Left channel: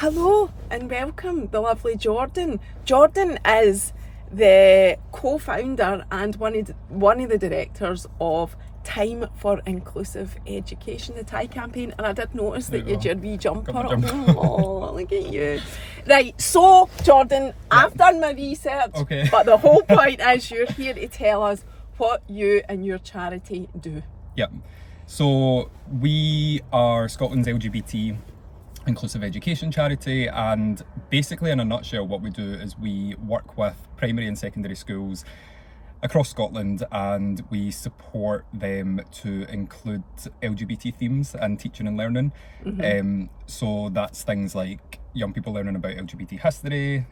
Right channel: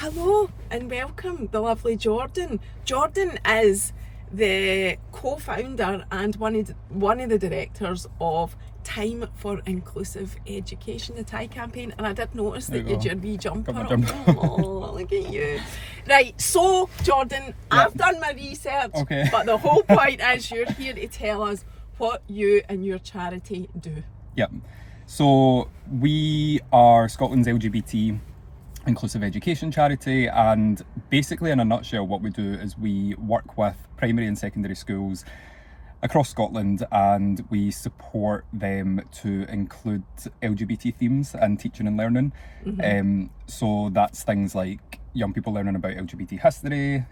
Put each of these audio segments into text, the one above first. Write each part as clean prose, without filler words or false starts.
Hello and welcome, the lovely Jordan. Jordan is the co-founder and one of the directors of Time for Inclusive Education, the TIE campaign, and I did notice that you had your wee jumper on. Oh, look at you. Right, so Jordan, I've done my research, but the whole point is you're here to tell us what you and your charity do. Yep. So we are Scotland's LGBT inclusive education charity, and basically in a nutshell what we do is we work with primary and secondary schools across Scotland and we support them to include LGBT themes in teaching and learning. So that's things like young people learning about LGBT history,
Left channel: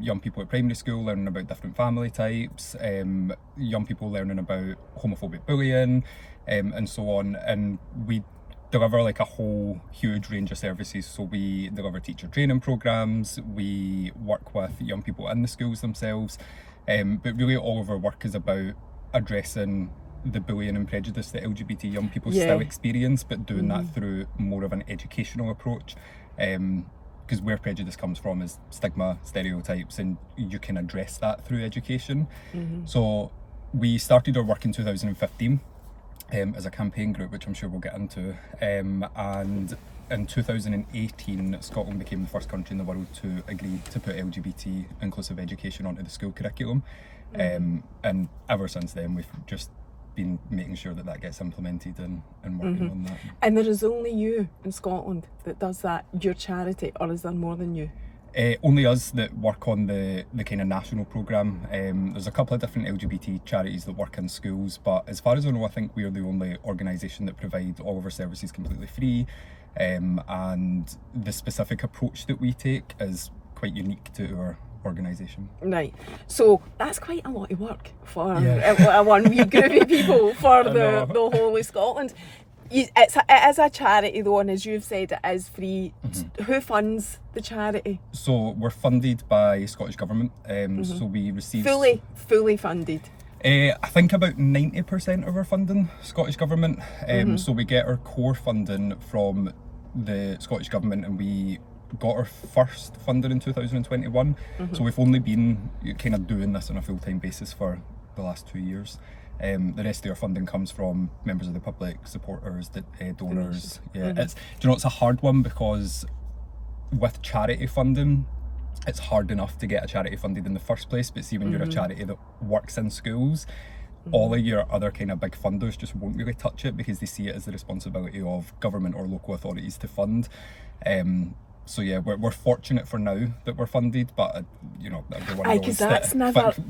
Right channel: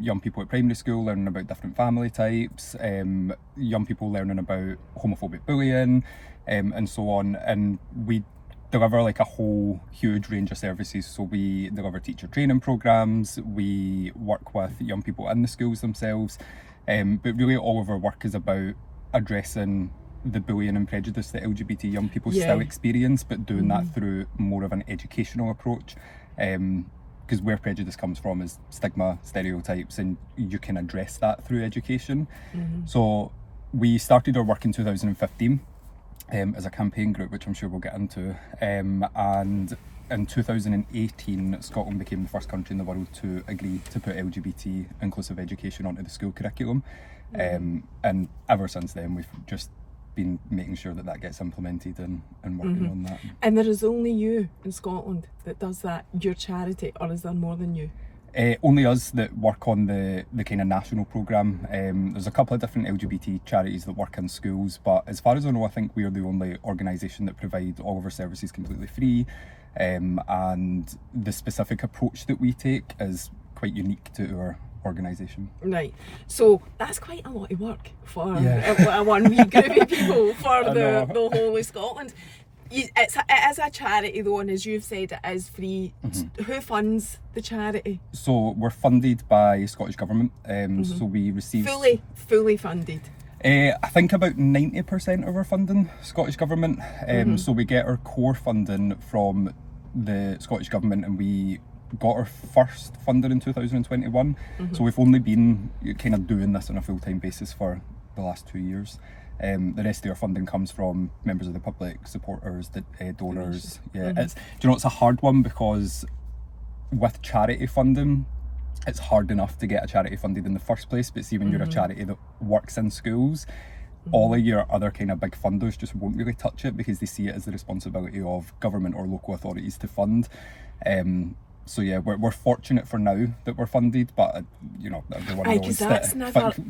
young people at primary school learning about different family types, young people learning about homophobic bullying, and so on. And we deliver like a whole huge range of services. So we deliver teacher training programs, we work with young people in the schools themselves, but really all of our work is about addressing the bullying and prejudice that LGBT young people still experience, but doing that through more of an educational approach, because where prejudice comes from is stigma, stereotypes, and you can address that through education. So we started our work in 2015 as a campaign group, which I'm sure we'll get into, and in 2018 Scotland became the first country in the world to agree to put LGBT inclusive education onto the school curriculum, and ever since then we've just been making sure that that gets implemented and working on that. And there is only you in Scotland that does that, your charity, or is there more than you? Only us that work on the kind of national programme. There's a couple of different LGBT charities that work in schools, but as far as I know, I think we're the only organisation that provide all of our services completely free, and the specific approach that we take is quite unique to our organisation. Right, so that's quite a lot of work for a one wee group of people for the whole of Scotland. It is a charity though, and as you've said, it is free. Who funds the charity? So we're funded by Scottish Government, so we receive... Fully funded? I think about 90% of our funding, Scottish Government. So we get our core funding from the Scottish Government, and we got our first funding in 2021. So we've only been kind of doing this on a full-time basis for the last 2 years. The rest of our funding comes from members of the public, supporters, donors. It's a hard one because with charity funding, it's hard enough to get a charity funded in the first place, but see when you're a charity that works in schools, all of your other kind of big funders just won't really touch it because they see it as the responsibility of government or local authorities to fund. So yeah, we're fortunate for now that we're funded, but everyone knows that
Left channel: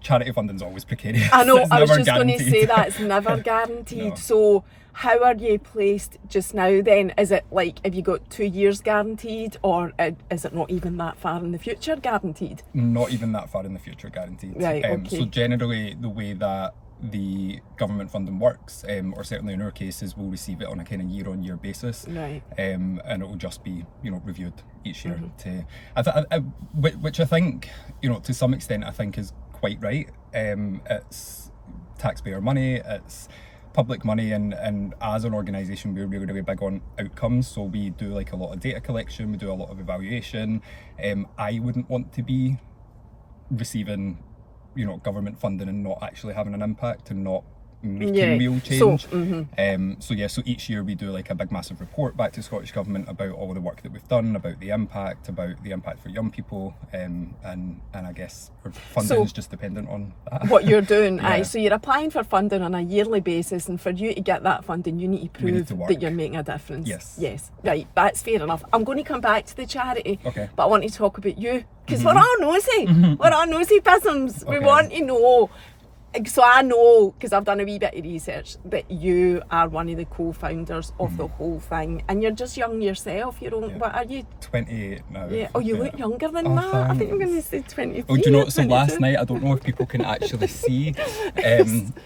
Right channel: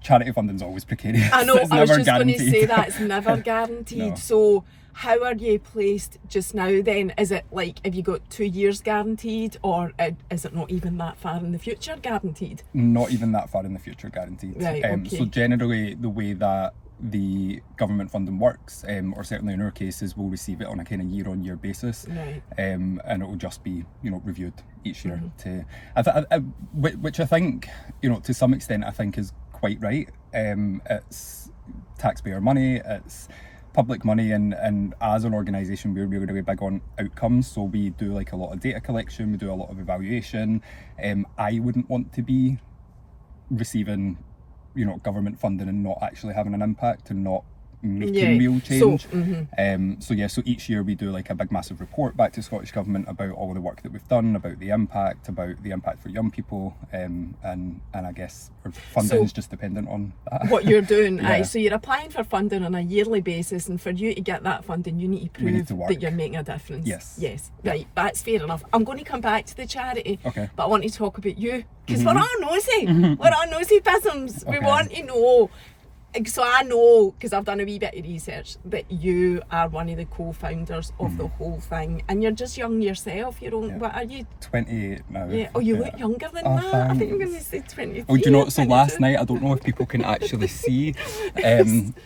charity funding's always precarious. I know, I was just going to say that, it's never guaranteed. No. So how are you placed just now then? Is it like, have you got 2 years guaranteed, or is it not even that far in the future guaranteed? Not even that far in the future guaranteed. Right, okay. So generally the way that the government funding works, or certainly in our case, is we'll receive it on a kind of year-on-year basis, and it will just be reviewed each year which I think to some extent I think is quite right. It's taxpayer money, it's public money, and as an organisation we're really big on outcomes, so we do like a lot of data collection, we do a lot of evaluation. I wouldn't want to be receiving government funding and not actually having an impact and not making real change. So each year we do like a big massive report back to Scottish Government about all of the work that we've done, about the impact for young people, and I guess our funding is just dependent on that. What you're doing. So you're applying for funding on a yearly basis, and for you to get that funding you need to prove that you're making a difference. Yes, right, that's fair enough. I'm going to come back to the charity, but I want to talk about you, because we're all nosy. We're all nosy peasants. We want to know. So I know, because I've done a wee bit of research, that you are one of the co-founders of the whole thing, and you're just young yourself. What are you? 28 now. Yeah. Oh, you look younger than that. Thanks. I think I'm going to say 23. Oh, do you know? So last night, I don't know if people can actually see.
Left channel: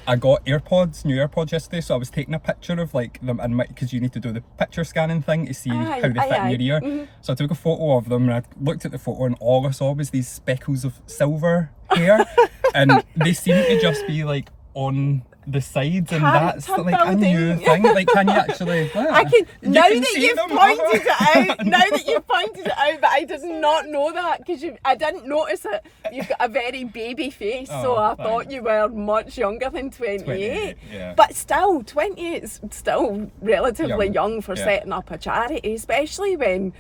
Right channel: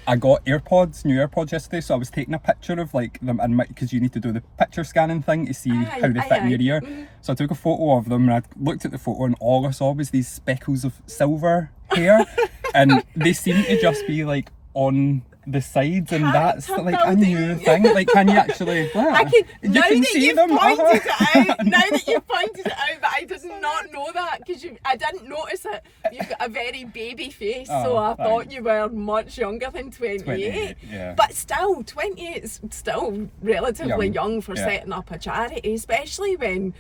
I got new AirPods yesterday, so I was taking a picture of like them, and because you need to do the picture scanning thing to see how they fit in your ear. So I took a photo of them, and I looked at the photo, and all I saw was these speckles of silver hair, and they seem to just be like on the sides, and that's like a new thing. Like, can you actually? I can. Now that you've pointed it out, but did not know that because I didn't notice it. You've got a very baby face, so I thought you were much younger than 28. Yeah. But still, 28 is still relatively young for setting up a charity, especially when,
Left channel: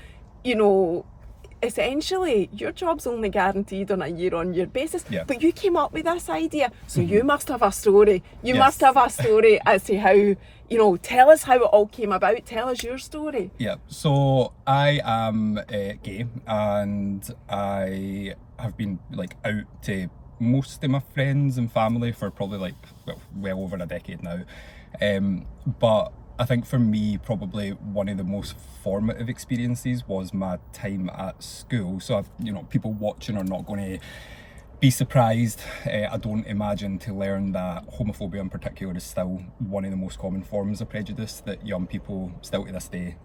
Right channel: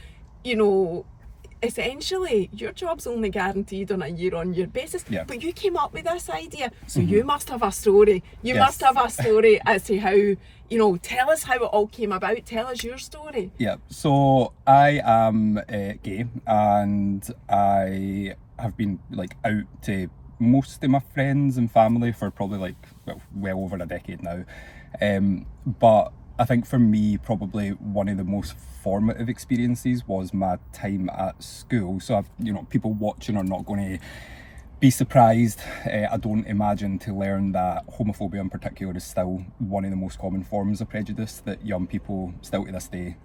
you know, essentially your job's only guaranteed on a year-on-year basis. But you came up with this idea, so you must have a story. You must have a story as to how, you know, tell us how it all came about. Tell us your story. Yeah, so I am gay, and I have been like out to most of my friends and family for probably like well over a decade now. But I think for me, probably one of the most formative experiences was my time at school. So, you know, people watching are not going to be surprised, I don't imagine, to learn that homophobia in particular is still one of the most common forms of prejudice that young people still to this day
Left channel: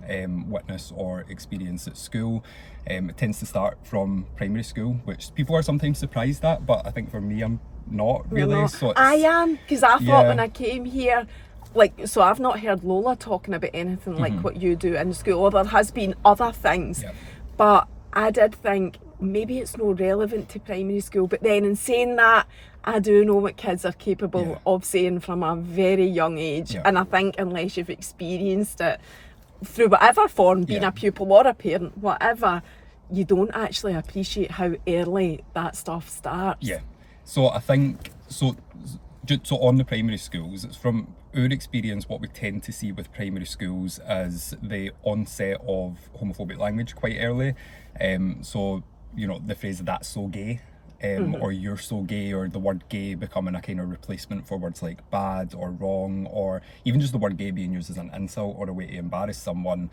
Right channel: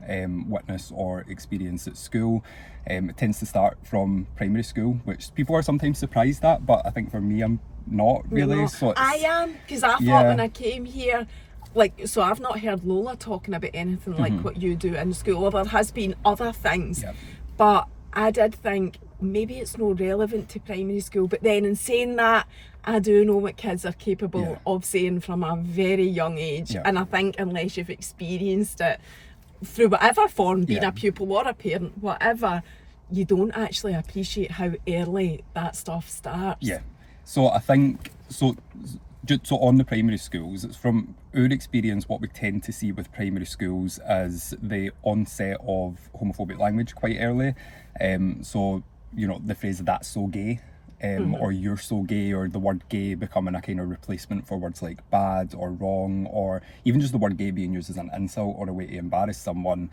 witness or experience at school. It tends to start from primary school, which people are sometimes surprised at, but I think for me, I'm not really. No, so I am, because I thought when I came here, like, so I've not heard Lola talking about anything like what you do in school, or there has been other things, but I did think maybe it's not relevant to primary school. But then in saying that, I do know what kids are capable of saying from a very young age, and I think unless you've experienced it through whatever form, being a pupil or a parent, whatever, you don't actually appreciate how early that stuff starts. So I think so on the primary schools, it's from our experience, what we tend to see with primary schools is the onset of homophobic language quite early. So, you know, the phrase "that's so gay," or "you're so gay," or the word "gay" becoming a kind of replacement for words like bad or wrong, or even just the word "gay" being used as an insult or a way to embarrass someone,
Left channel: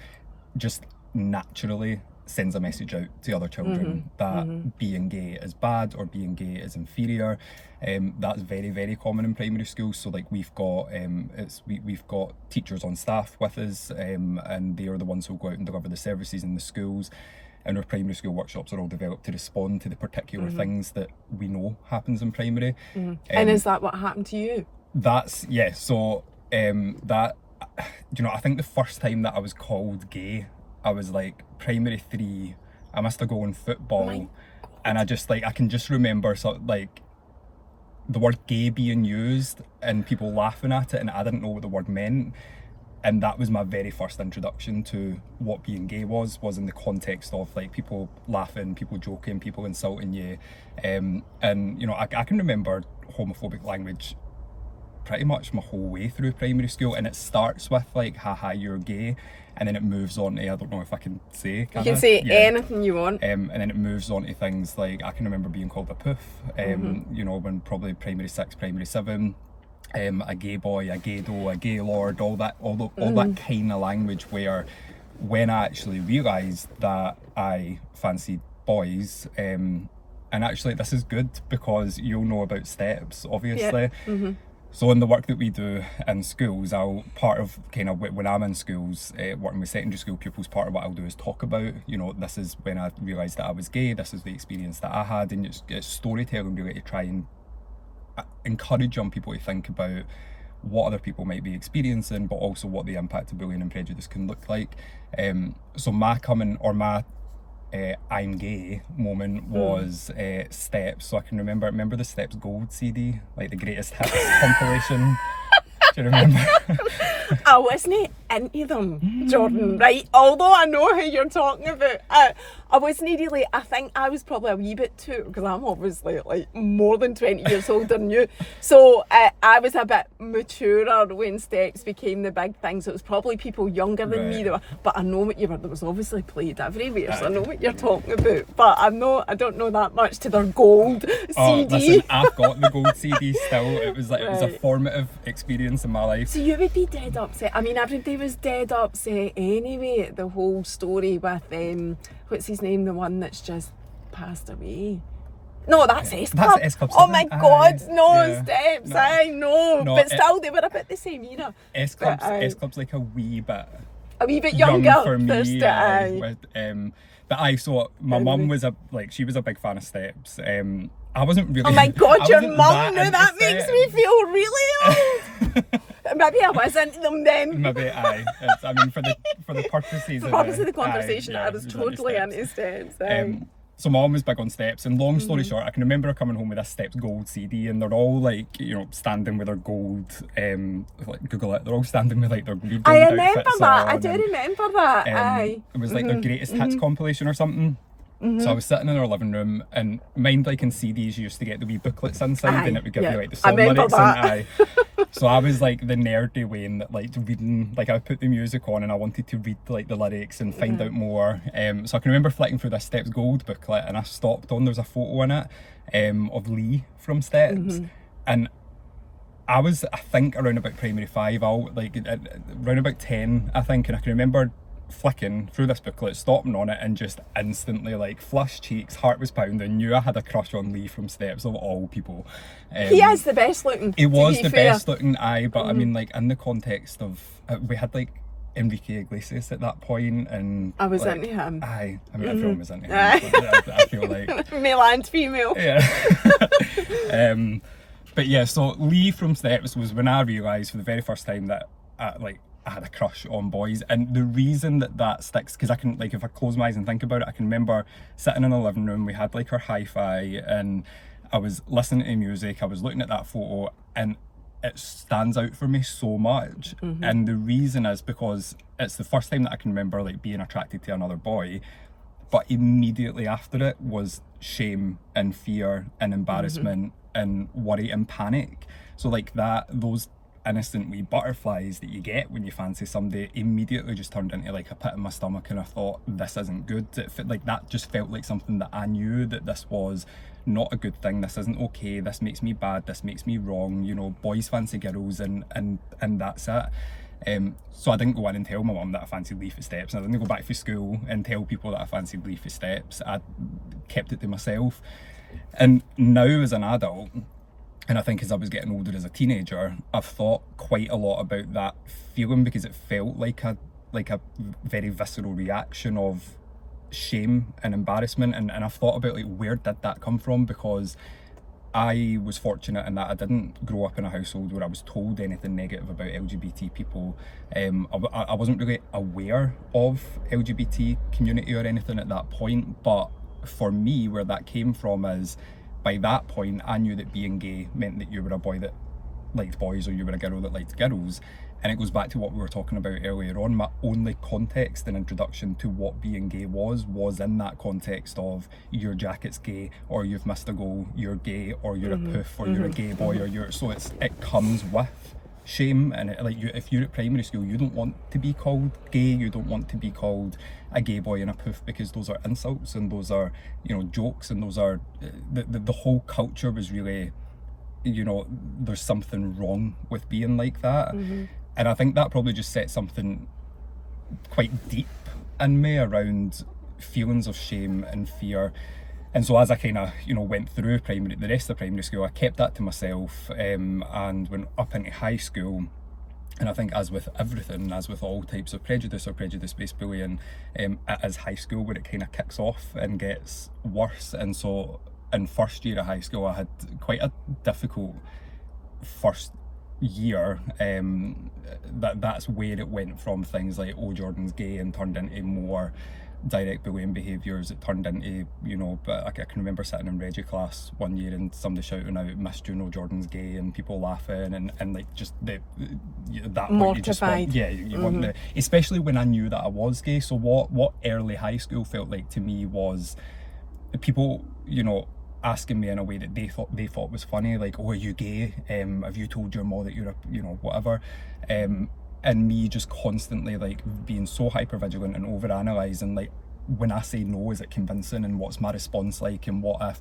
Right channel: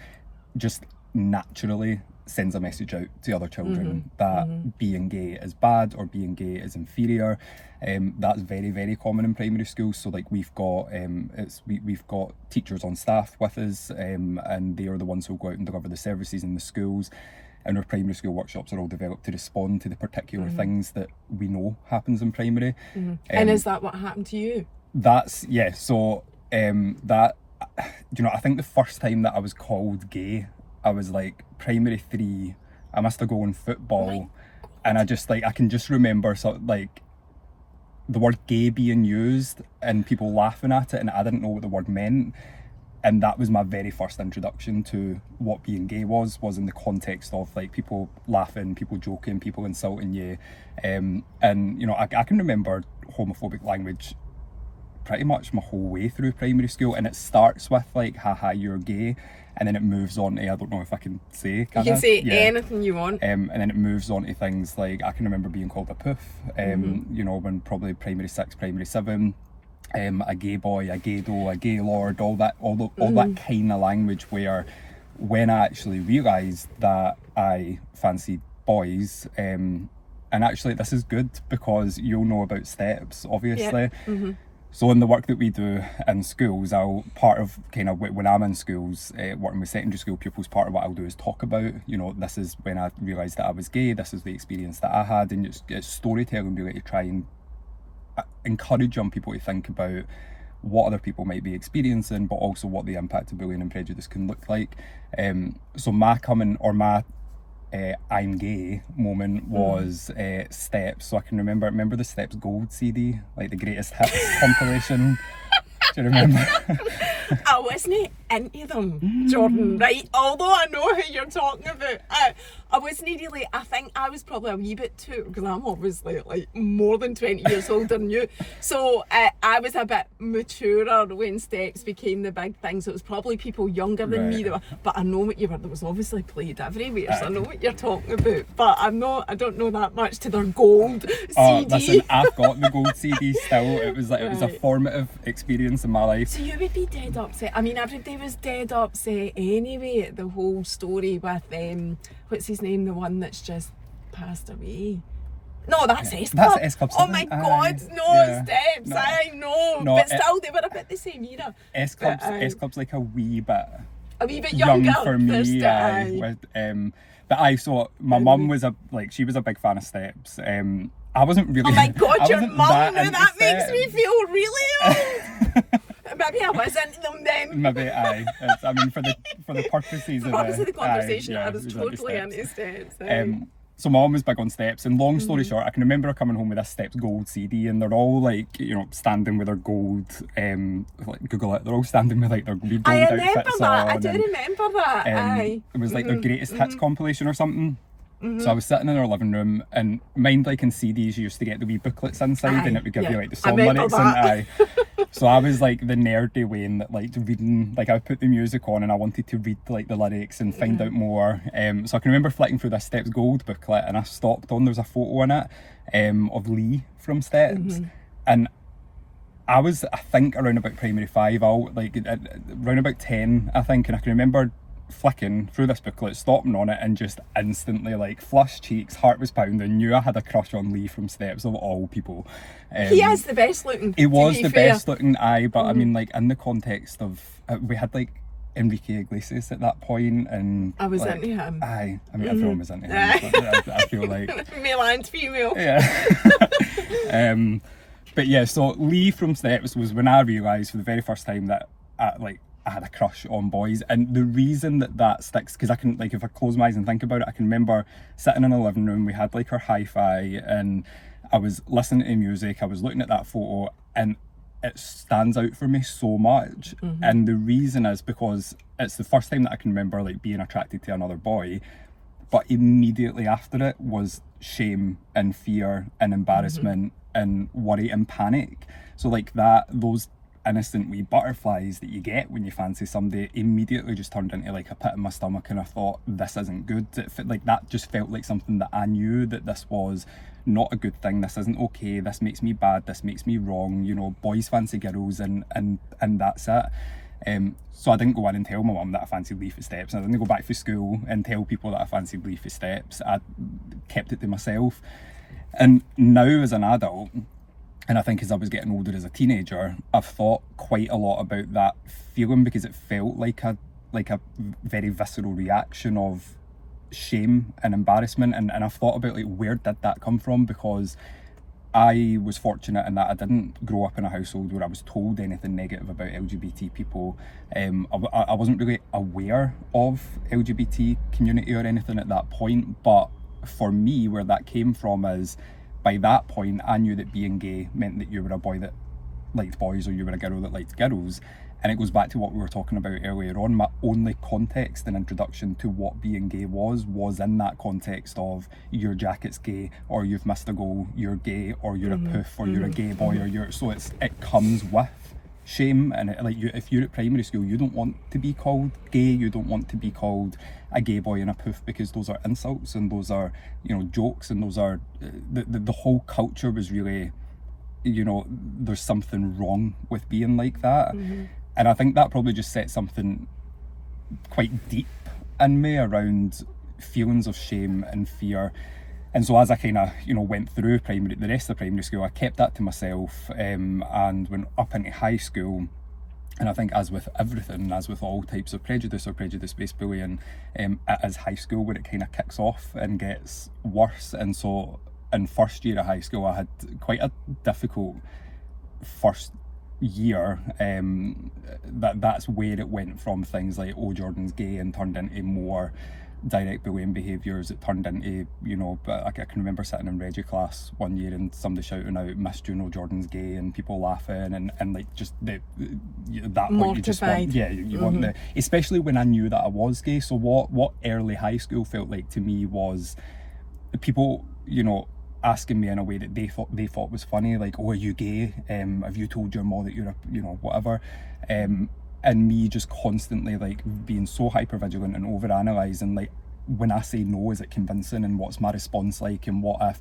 just naturally sends a message out to other children that being gay is bad or being gay is inferior. That's very, very common in primary schools. So like we've got we've got teachers on staff with us, and they are the ones who go out and deliver the services in the schools. And our primary school workshops are all developed to respond to the particular things that we know happens in primary. And is that what happened to you? That's so that, you know, I think the first time that I was called gay, I was like primary 3. I must have gone football, and I just like I can just remember like the word gay being used and people laughing at it, and I didn't know what the word meant. And that was my very first introduction to what being gay was in the context of like people laughing, people joking, people insulting you. And you know, I can remember homophobic language pretty much my whole way through primary school, and it starts with like haha you're gay, and then it moves on to, I don't know if I can say, you can say anything you want, and then it moves on to things like I can remember being called a poof, you know, when probably primary 6, primary 7, a gay boy, a gay doe, a gay lord, all that kind of language, where when I actually realised that I fancied boys, and actually this is good because you'll know about steps, obviously. So in the work that we do in schools, part of kind of when I'm in schools, working with secondary school pupils, part of what I'll do is talk about, you know, this is when I realised that I was gay, this is the experience that I had, and it's storytelling really to try and encourage young people to think about what other people might be experiencing, but also what the impact of bullying and prejudice can look like. So my I'm gay moment was Steps. So I can remember the Steps Gold CD, like the greatest hits compilation. Do you remember? I wasn't into them, Jordan, right? Although I know who you're talking about. I wasn't really, I think I was probably a wee bit too, because I'm obviously like more than 20 years older than you. So I was a bit maturer when Steps became the big thing. So it was probably people younger than me. But I know what you were, there was obviously played everywhere. So I know what you're talking about. But I don't know that much to their gold CD. Listen, I've got the gold CD still. It was a formative experience in my life. So you would be dead upset. I mean, everybody was dead upset anyway at the whole story with what's his name, the one that's just passed away. No, that's S Club. That's S Club. Oh my God, no, Steps. I know, but still, they were about the same era. S Club's like a wee bit younger young for me. But so my mum was she was a big fan of Steps. I wasn't really. Oh my God, your mum! Now that makes me feel really old. Maybe I was into them then. Maybe aye. I mean, for the purposes For of the purpose of the aye, conversation, yeah, I was it into totally steps. into steps. So my mum was big on steps, and long story short, I can remember her coming home with this Steps Gold CD, and they're all like, standing with their gold, like Google it, they're all standing with like their wee gold I remember outfits that. on. I do remember that. Aye. It was like their greatest hits compilation or something. So I was sitting in our living room, and mind like in CDs you used to get the wee booklets inside, and it would give you like the song lyrics and so I was like the nerdy Wayne that liked reading, like I would put the music on and I wanted to read like the lyrics and find out more. So I can remember flicking through this Steps Gold booklet, and I stopped on, there's a photo in it of Lee from Steps, and I was, I think, around about primary 5, around about 10 I think, and I can remember flicking through this booklet, stopping on it, and just instantly like flushed cheeks, heart was pounding, knew I had a crush on Lee from Steps of all people. He is the best looking. He was the best looking, but I mean, like in the context of we had like Enrique Iglesias at that point, and I was like, into him. I mean everyone was into him. I feel like male and female. Yeah. But yeah, so Lee from Steps was when I realised for the very first time that I had a crush on boys. And the reason that sticks, because I can, like, if I close my eyes and think about it, I can remember sitting in the living room, we had like our hi-fi, and I was listening to music, I was looking at that photo, and it stands out for me so much. And the reason is because it's the first time that I can remember like being attracted to another boy, but immediately after it was shame and fear and embarrassment and worry and panic. So like those innocent wee butterflies that you get when you fancy somebody immediately just turned into like a pit in my stomach, and I thought, this isn't good. Like that just felt like something that I knew that this was not a good thing, this isn't okay, this makes me bad, this makes me wrong, boys fancy girls, and that's it. So I didn't go in and tell my mum that I fancied Lee for Steps, and I didn't go back to school and tell people that I fancied Lee for Steps. I kept it to myself. And now as an adult, and I think as I was getting older as a teenager, I've thought quite a lot about that feeling, because it felt like a very visceral reaction of shame and embarrassment, and I've thought about like where did that come from, because I was fortunate in that I didn't grow up in a household where I was told anything negative about LGBT people. I wasn't really aware of LGBT community or anything at that point, but for me where that came from is, by that point I knew that being gay meant that you were a boy that liked boys, or you were a girl that liked girls. And it goes back to what we were talking about earlier on. My only context and introduction to what being gay was in that context of your jacket's gay, or you've missed a goal, you're gay, or you're a poof, or you're a gay boy, or you're, so it comes with shame. And if you're at primary school, you don't want to be called gay, you don't want to be called a gay boy and a poof, because those are insults, and those are jokes, and those are the whole culture was really, there's something wrong with being like that. And I think that probably just set something quite deep in me around feelings of shame and fear. And so as I kind of, went through the rest of primary school, I kept that to myself, and went up into high school. And I think, as with everything, as with all types of prejudice or prejudice-based bullying, it is high school where it kind of kicks off and gets worse. And so in first year of high school, I had quite a difficult first year. That's where it went from things like, oh, Jordan's gay, and turned into more direct bullying behaviours. It turned into, but I can remember sitting in Reggie class one year and somebody shouting out, "Miss, do you know Jordan's gay?" and people laughing, and like just that point mortified. You just want, you want the, especially when I knew that I was gay. So what early high school felt like to me was people, asking me in a way that they thought was funny, like, "Oh, are you gay? Have you told your mom that you're a whatever?" And me just constantly like being so hyper vigilant and over analysing, like, when I say no, is it convincing, and what's my response like, and what if,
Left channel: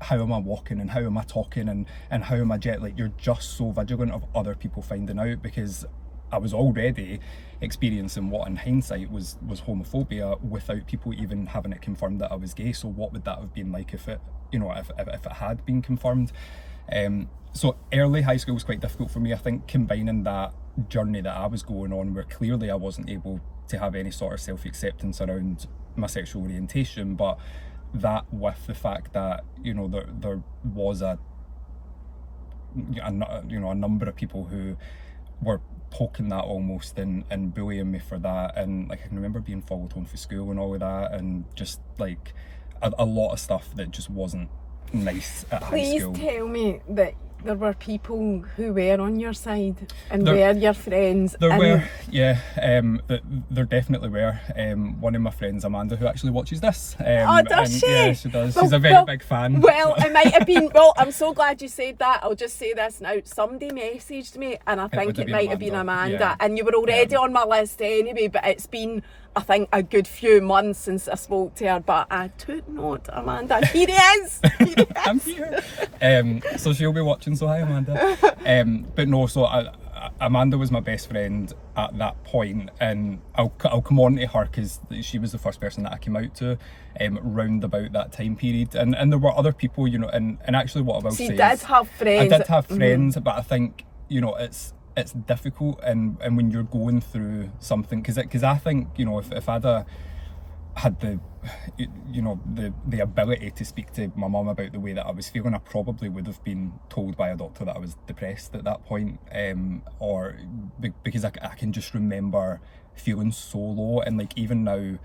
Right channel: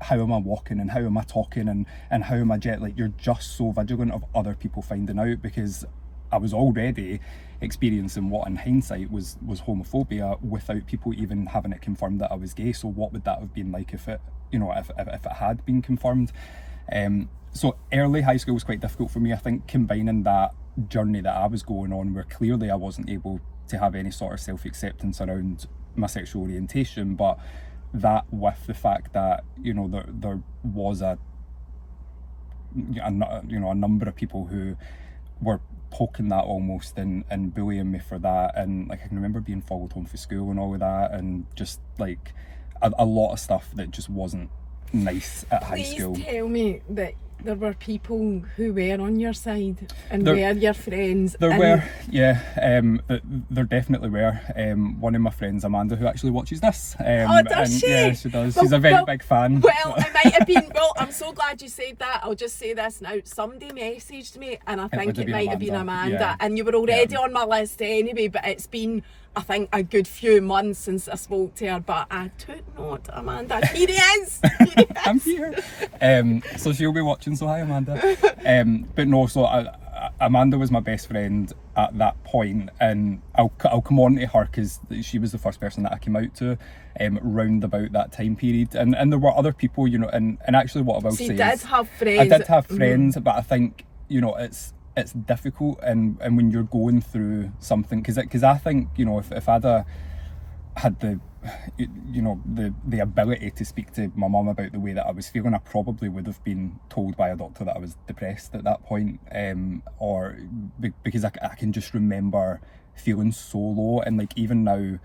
how am I walking, and how am I talking, and how am I like, you're just so vigilant of other people finding out, because I was already experiencing what in hindsight was homophobia without people even having it confirmed that I was gay. So what would that have been like if it if it had been confirmed? So early high school was quite difficult for me. I think combining that journey that I was going on, where clearly I wasn't able to have any sort of self-acceptance around my sexual orientation, but that with the fact that there was a number of people who were poking that almost and bullying me for that, and like I can remember being followed home from school and all of that, and just like a lot of stuff that just wasn't nice at high school. Please tell me that there were people who were on your side and were your friends. There were, yeah. There definitely were. One of my friends, Amanda, who actually watches this. Does she? Yeah, she does. Well, She's a very big fan. Well, I might have been. Well, I'm so glad you said that. I'll just say this now. Somebody messaged me, and I think it might have been Amanda. Yeah. And you were already on my list anyway. But it's been, I think, a good few months since I spoke to her. But I took note, Amanda. Here he is. Here he is. I'm here. So she'll be watching. So hi, Amanda. But no, so Amanda was my best friend at that point, and I'll come on to her because she was the first person that I came out to round about that time period, and there were other people, you know, and actually what I will say You did have friends. I did have friends, but I think, you know, it's difficult, and when you're going through something, because I think, you know, if I'd had the, you know, the ability to speak to my mum about the way that I was feeling, I probably would have been told by a doctor that I was depressed at that point, or because I can just remember feeling so low, and like even now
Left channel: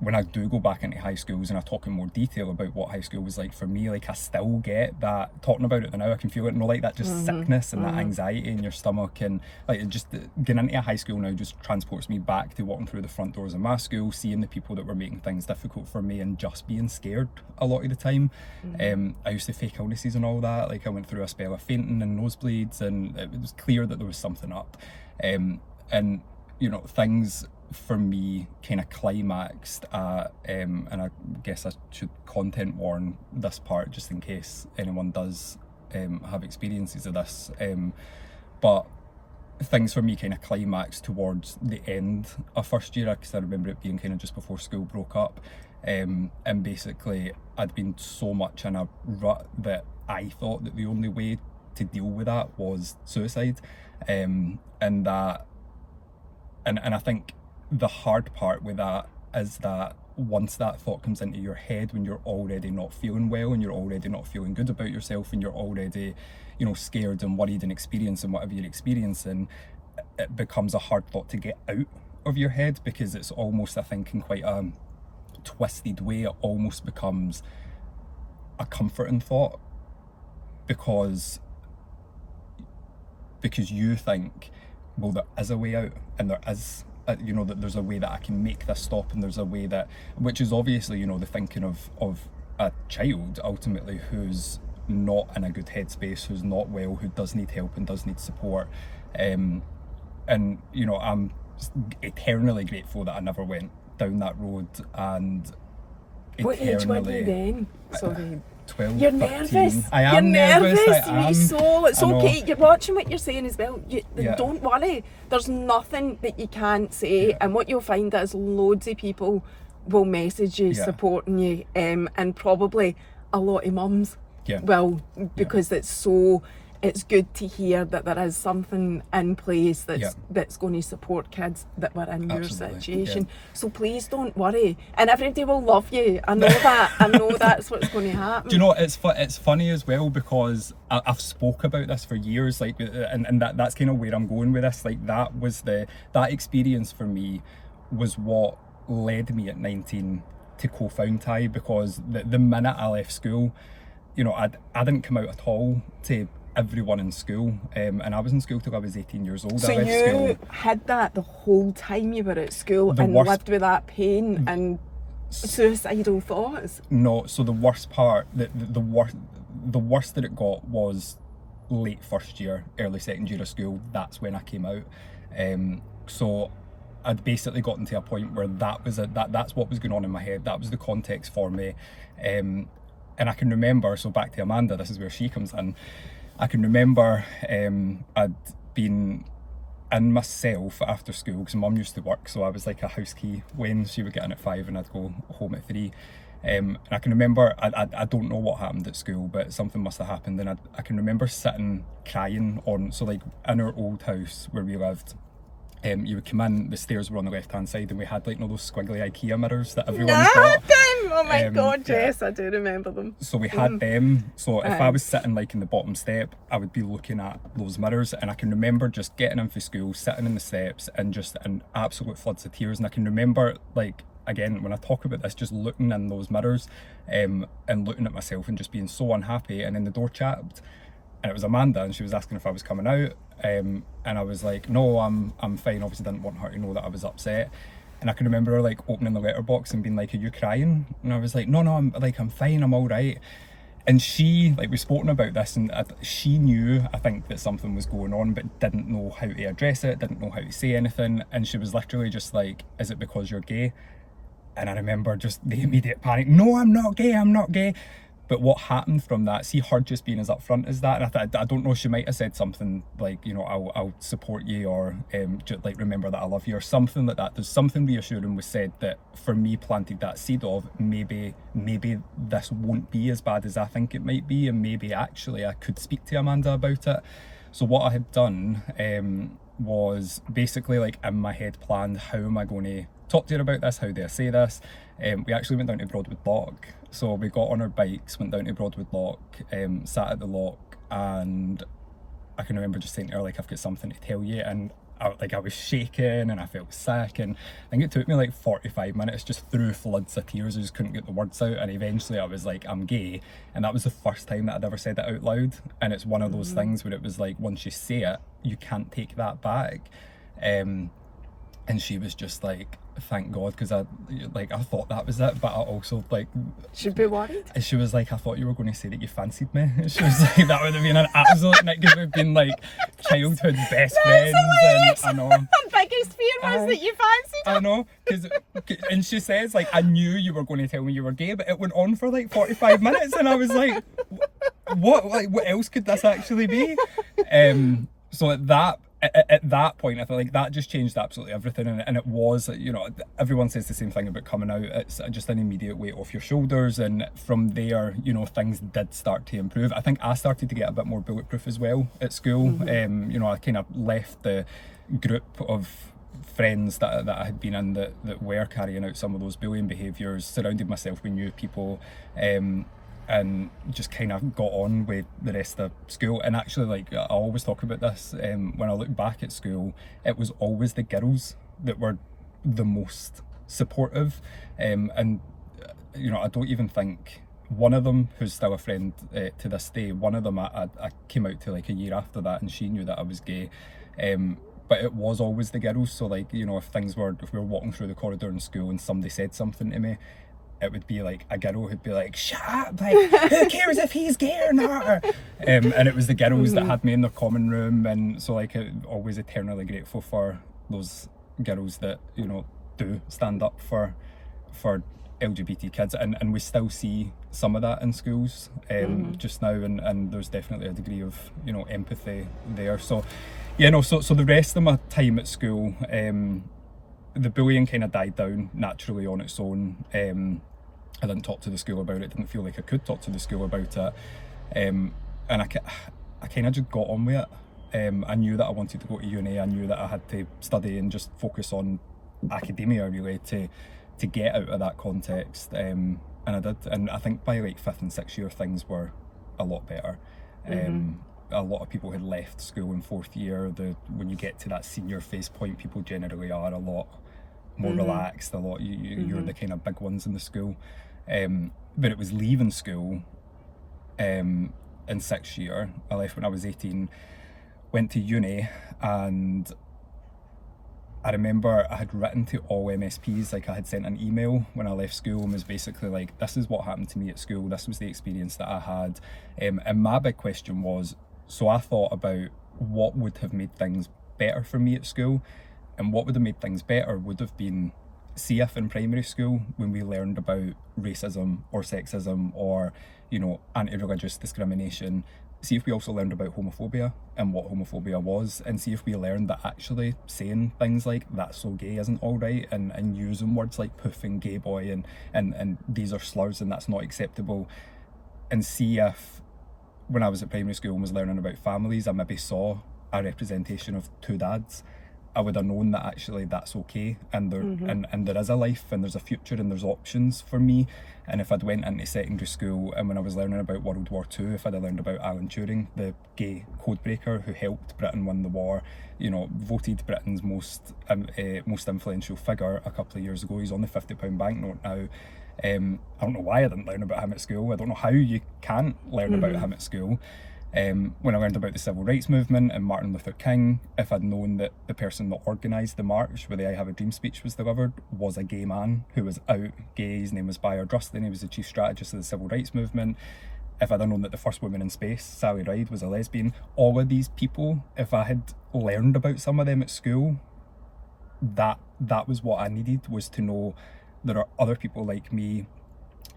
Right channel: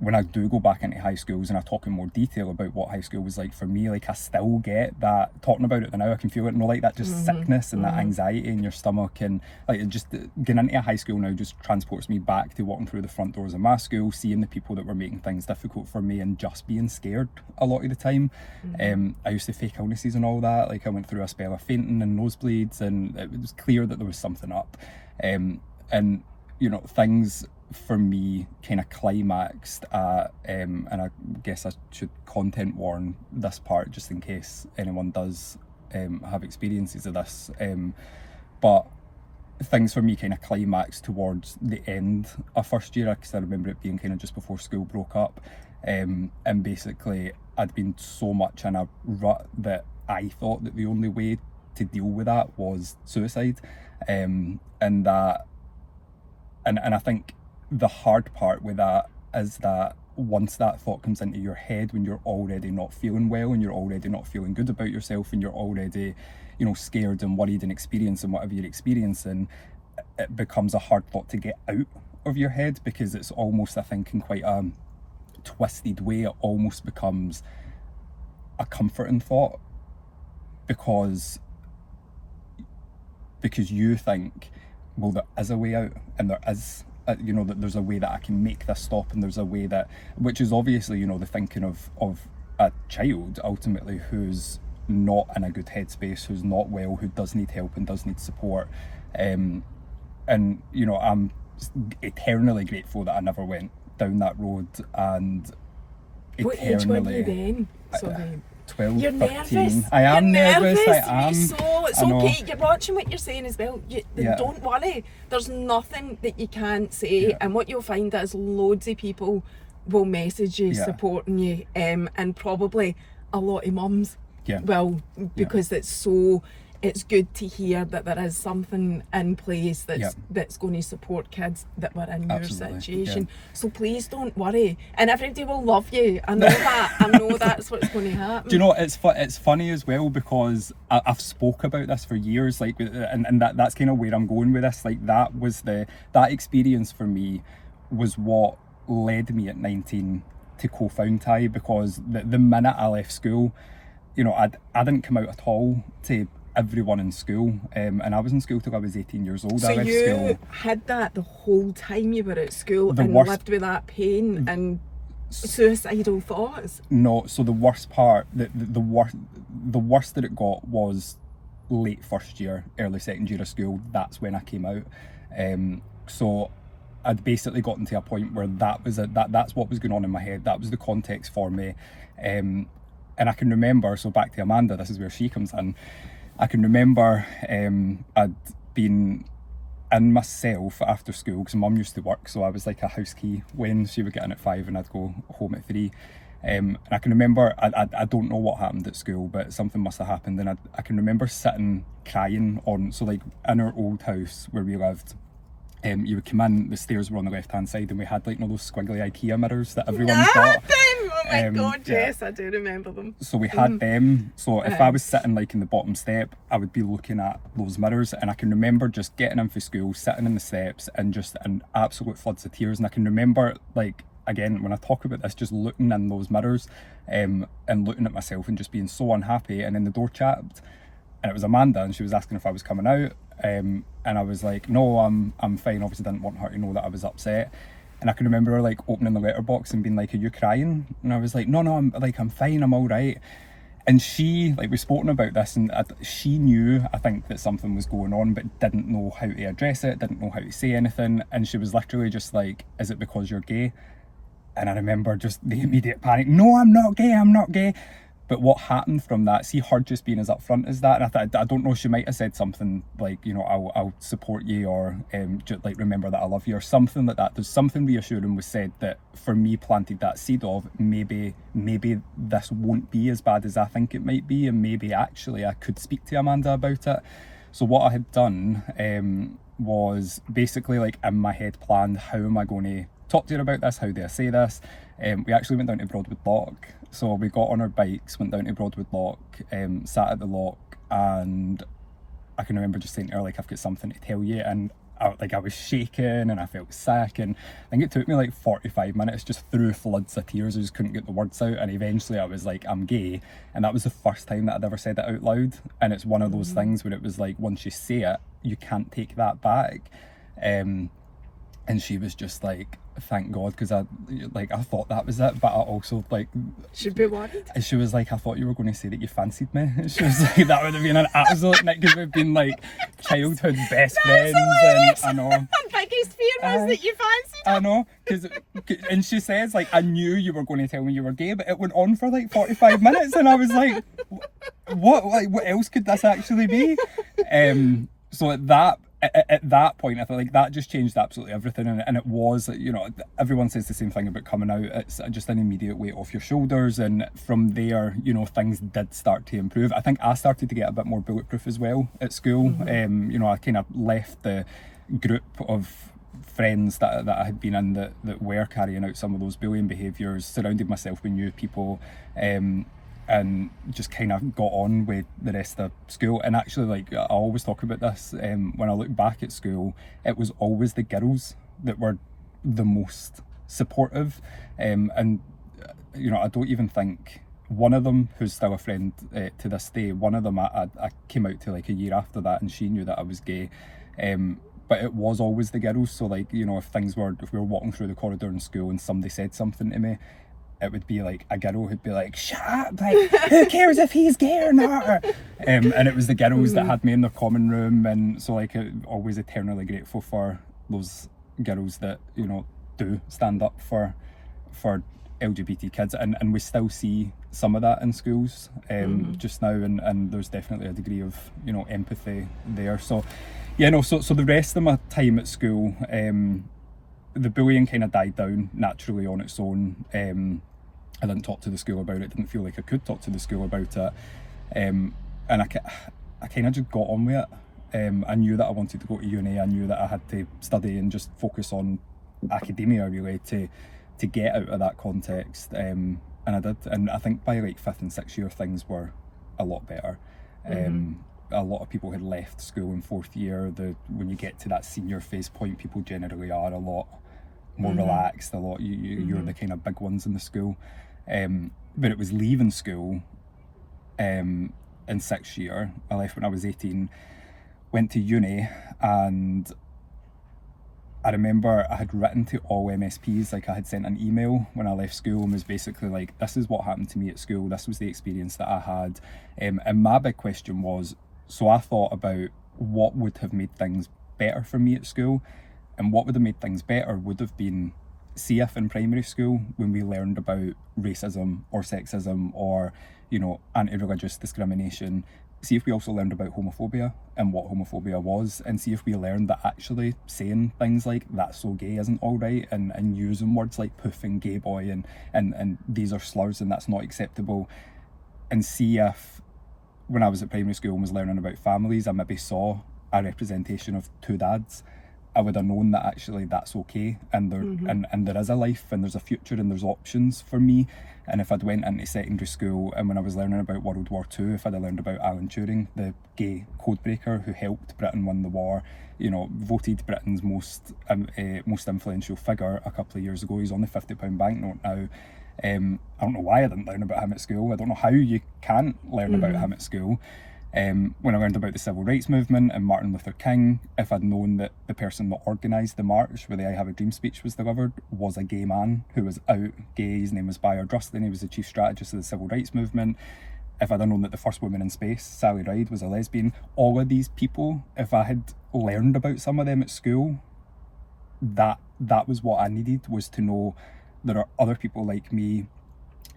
when I do go back into high schools and I talk in more detail about what high school was like for me, like I still get that, talking about it now I can feel it, you know, like that just sickness and that anxiety in your stomach, and like it just getting into a high school now just transports me back to walking through the front doors of my school, seeing the people that were making things difficult for me and just being scared a lot of the time. I used to fake illnesses and all that, like I went through a spell of fainting and nosebleeds, and it was clear that there was something up, and you know, things for me kind of climaxed at, and I guess I should content warn this part just in case anyone does have experiences of this, but things for me kind of climaxed towards the end of first year, because I remember it being kind of just before school broke up, and basically I'd been so much in a rut that I thought that the only way to deal with that was suicide, and that and I think the hard part with that is that once that thought comes into your head, when you're already not feeling well and you're already not feeling good about yourself and you're already, you know, scared and worried and experiencing whatever you're experiencing, it becomes a hard thought to get out of your head, because it's almost, I think, in quite a twisted way, it almost becomes a comforting thought, because you think, well, there is a way out, and there is, you know, that there's a way that I can make this stop, and there's a way that, which is obviously, you know, the thinking of a child ultimately who's not in a good headspace, who's not well, who does need help and does need support, and you know, I'm eternally grateful that I never went down that road, and What age were you eternally then? Sorry. 12, You're 13. nervous. I am You're nervous. I am. So it's I know. okay. You're watching what you're saying as well. Yeah. Don't worry. There's nothing that you can't say, Yeah. and what you'll find is loads of people will message you, Yeah. supporting you, and probably a lot of mums Yeah. will, because it's good to hear that there is something in place that's going to support kids that were in your Absolutely, situation. So please don't worry, and everybody will love you. I know that. I know that's what's going to happen. Do you know, it's funny as well, because I've spoke about this for years, like, and that's kind of where I'm going with this. Like, that experience for me was what led me at 19 to co-found TIE, because the minute I left school, you know, I didn't come out at all to everyone in school, and I was in school till I was 18 years old. So I left you school. had that the whole time you were at school, The and worst- lived with that pain and suicidal thoughts? No, so the worst part, the worst that it got was late first year, early second year of school. That's when I came out. So I'd basically gotten to a point where that's what was going on in my head. That was the context for me. And I can remember, so back to Amanda, this is where she comes in. I can remember I'd been in myself after school, because Mum used to work, so I was like a house key when she would get in at 5 and I'd go home at 3. And I can remember, I don't know what happened at school, but something must have happened, and I can remember sitting crying so like in our old house where we lived, you would come in, the stairs were on the left hand side, and we had like, you know, those squiggly IKEA mirrors that everyone's got. Oh my God, Yeah. yes, I do remember them. So we had them. So if I Aye. was sitting like in the bottom step, I would be looking at those mirrors, and I can remember just getting in for school, sitting in the steps, and just an absolute floods of tears. And I can remember, like, again, when I talk about this, just looking in those mirrors, and looking at myself and just being so unhappy. And then the door chapped, and it was Amanda, and she was asking if I was coming out, and I was like, no, I'm fine. Obviously didn't want her to know that I was upset. And I can remember her like opening the letterbox and being like, are you crying? And I was like, no, I'm fine, I'm all right. And she, like, we've spoken about this, and she knew, I think, that something was going on, but didn't know how to address it, didn't know how to say anything. And she was literally just like, is it because you're gay? And I remember just the immediate panic. No, I'm not gay, I'm not gay. But what happened from that, see her just being as upfront as that, and I don't know, she might have said something like, you know, I'll support you, or just like, remember that I love you, or something like that. There's something reassuring was said that for me planted that seed of maybe this won't be as bad as I think it might be, and maybe actually I could speak to Amanda about it. So what I had done was basically, like, in my head planned, how am I going to talk to her about this, how do I say this? We actually went down to Broadwood Lock. So we got on our bikes, went down to Broadwood Lock, sat at the lock, and I can remember just saying to her, like, I've got something to tell you. And I was shaking and I felt sick, and I think it took me like 45 minutes just through floods of tears. I just couldn't get the words out, and eventually I was like, I'm gay. And that was the first time that I'd ever said it out loud. And it's one of those things where it was like, once you say it, you can't take that back. And she was just like, thank God, because I thought that was it, but I also, like, Should be worried. she was like, I thought you were going to say that you fancied me. She was like, that would have been an absolute night, because we've been like childhood best friends. And I know Her biggest fear was that you fancied I know, and she says, like, I knew you were going to tell me you were gay, but it went on for like 45 minutes, and I was like, what else could this actually be? So at that point, I felt like that just changed absolutely everything. And it was, you know, everyone says the same thing about coming out. It's just an immediate weight off your shoulders. And from there, you know, things did start to improve. I think I started to get a bit more bulletproof as well at school. You know, I kind of left the group of friends that I had been in that were carrying out some of those bullying behaviours, surrounded myself with new people, and just kind of got on with the rest of school. And actually, like, I always talk about this, when I look back at school, it was always the girls that were the most supportive. And you know, I don't even think one of them, who's still a friend to this day, one of them I came out to like a year after that, and she knew that I was gay. But it was always the girls. So, like, you know, if we were walking through the corridor in school and somebody said something to me, it would be like a girl who'd be like, shut up, like, who cares if he's gay or not? And it was the girls that had me in their common room. And so, like, always eternally grateful for those girls that, you know, do stand up for LGBT kids. And we still see some of that in schools just now, and there's definitely a degree of, you know, empathy there. So yeah, no, so the rest of my time at school, the bullying kind of died down naturally on its own. I didn't talk to the school about it, didn't feel like I could talk to the school about it. And I kind of just got on with it. I knew that I wanted to go to uni. I knew that I had to study and just focus on academia, really, to get out of that context. And I did. And I think by like 5th and 6th year, things were a lot better. A lot of people had left school in 4th year. When you get to that senior phase point, people generally are a lot more relaxed. You're the kind of big ones in the school. But it was leaving school in 6th year. I left when I was 18, went to uni, and I remember I had written to all MSPs, like I had sent an email when I left school, and was basically like, this is what happened to me at school, this was the experience that I had. And my big question was, so I thought about what would have made things better for me at school, and what would have made things better would have been, see if in primary school, when we learned about racism or sexism or, you know, anti-religious discrimination, see if we also learned about homophobia and what homophobia was, and see if we learned that actually saying things like "that's so gay" isn't all right, and using words like "poof" and "gay boy" and these are slurs and that's not acceptable, and see if when I was at primary school and was learning about families, I maybe saw a representation of 2 dads, I would have known that actually that's okay, and there and there is a life and there's a future and there's options for me. And if I'd went into secondary school and when I was learning about World War II, if I'd have learned about Alan Turing, the gay codebreaker who helped Britain win the war, you know, voted Britain's most influential figure a couple of years ago. He's on the £50 banknote now. I don't know why I didn't learn about him at school. I don't know how you can't learn about him at school. When I learned about the civil rights movement and Martin Luther King, if I'd known that the person that organised the march where the I Have a Dream speech was delivered was a gay man who was out gay, his name was Bayard Rustin, he was the chief strategist of the civil rights movement. If I'd have known that the first woman in space, Sally Ride, was a lesbian, all of these people, if I had learned about some of them at school, that was what I needed, was to know there are other people like me,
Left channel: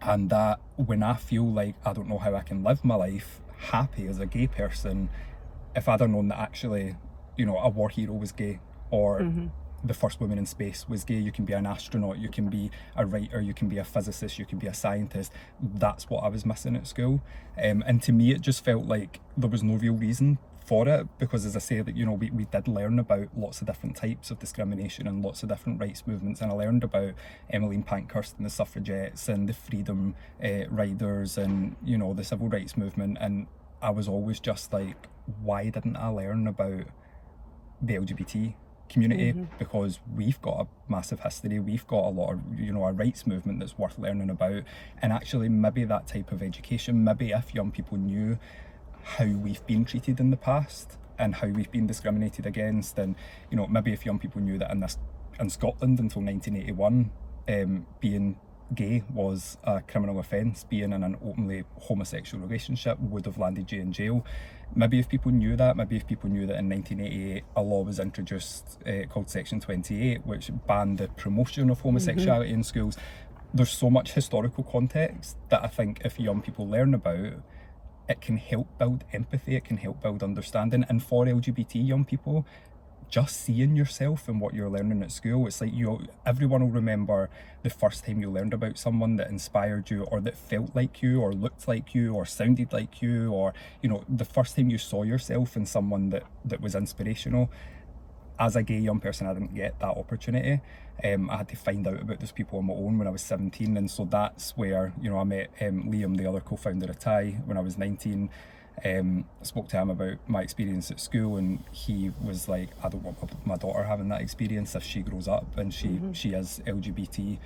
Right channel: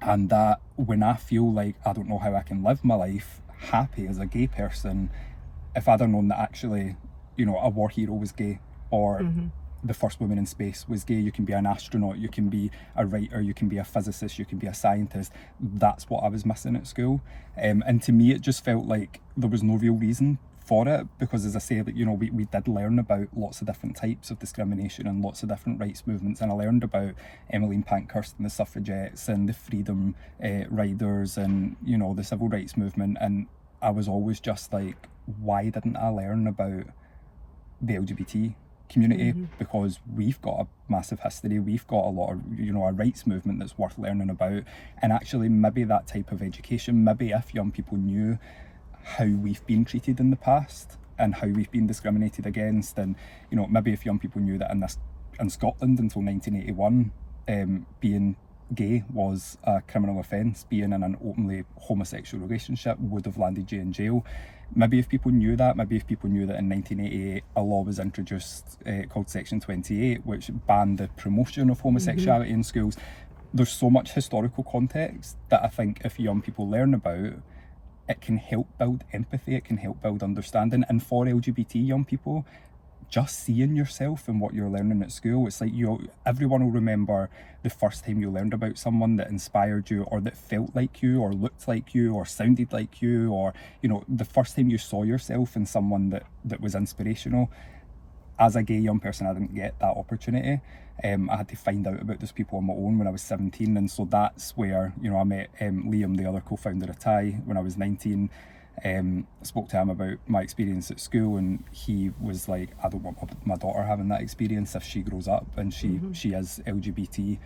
and that when I feel like I don't know how I can live my life happy as a gay person, if I'd have known that actually, you know, a war hero was gay, or the first woman in space was gay, you can be an astronaut, you can be a writer, you can be a physicist, you can be a scientist, that's what I was missing at school. And to me it just felt like there was no real reason for it, because as I say, that, you know, we did learn about lots of different types of discrimination and lots of different rights movements, and I learned about Emmeline Pankhurst and the suffragettes and the freedom riders and, you know, the civil rights movement, and I was always just like, why didn't I learn about the LGBT community? Because we've got a massive history, we've got a lot of, you know, a rights movement that's worth learning about. And actually maybe that type of education, maybe if young people knew how we've been treated in the past and how we've been discriminated against, and, you know, maybe if young people knew that in Scotland until 1981 being gay was a criminal offence, being in an openly homosexual relationship would have landed you in jail. Maybe if people knew that, maybe if people knew that in 1988 a law was introduced called Section 28, which banned the promotion of homosexuality in schools. There's so much historical context that I think if young people learn about, it can help build empathy, it can help build understanding. And for LGBT young people, just seeing yourself in what you're learning at school, it's like everyone will remember the first time you learned about someone that inspired you, or that felt like you, or looked like you, or sounded like you, or, you know, the first time you saw yourself in someone that was inspirational. As a gay young person, I didn't get that opportunity. I had to find out about those people on my own when I was 17, and so that's where, you know, I met Liam, the other co-founder of TIE, when I was 19. Spoke to him about my experience at school, and he was like, I don't want my daughter having that experience if she grows up and she is LGBT.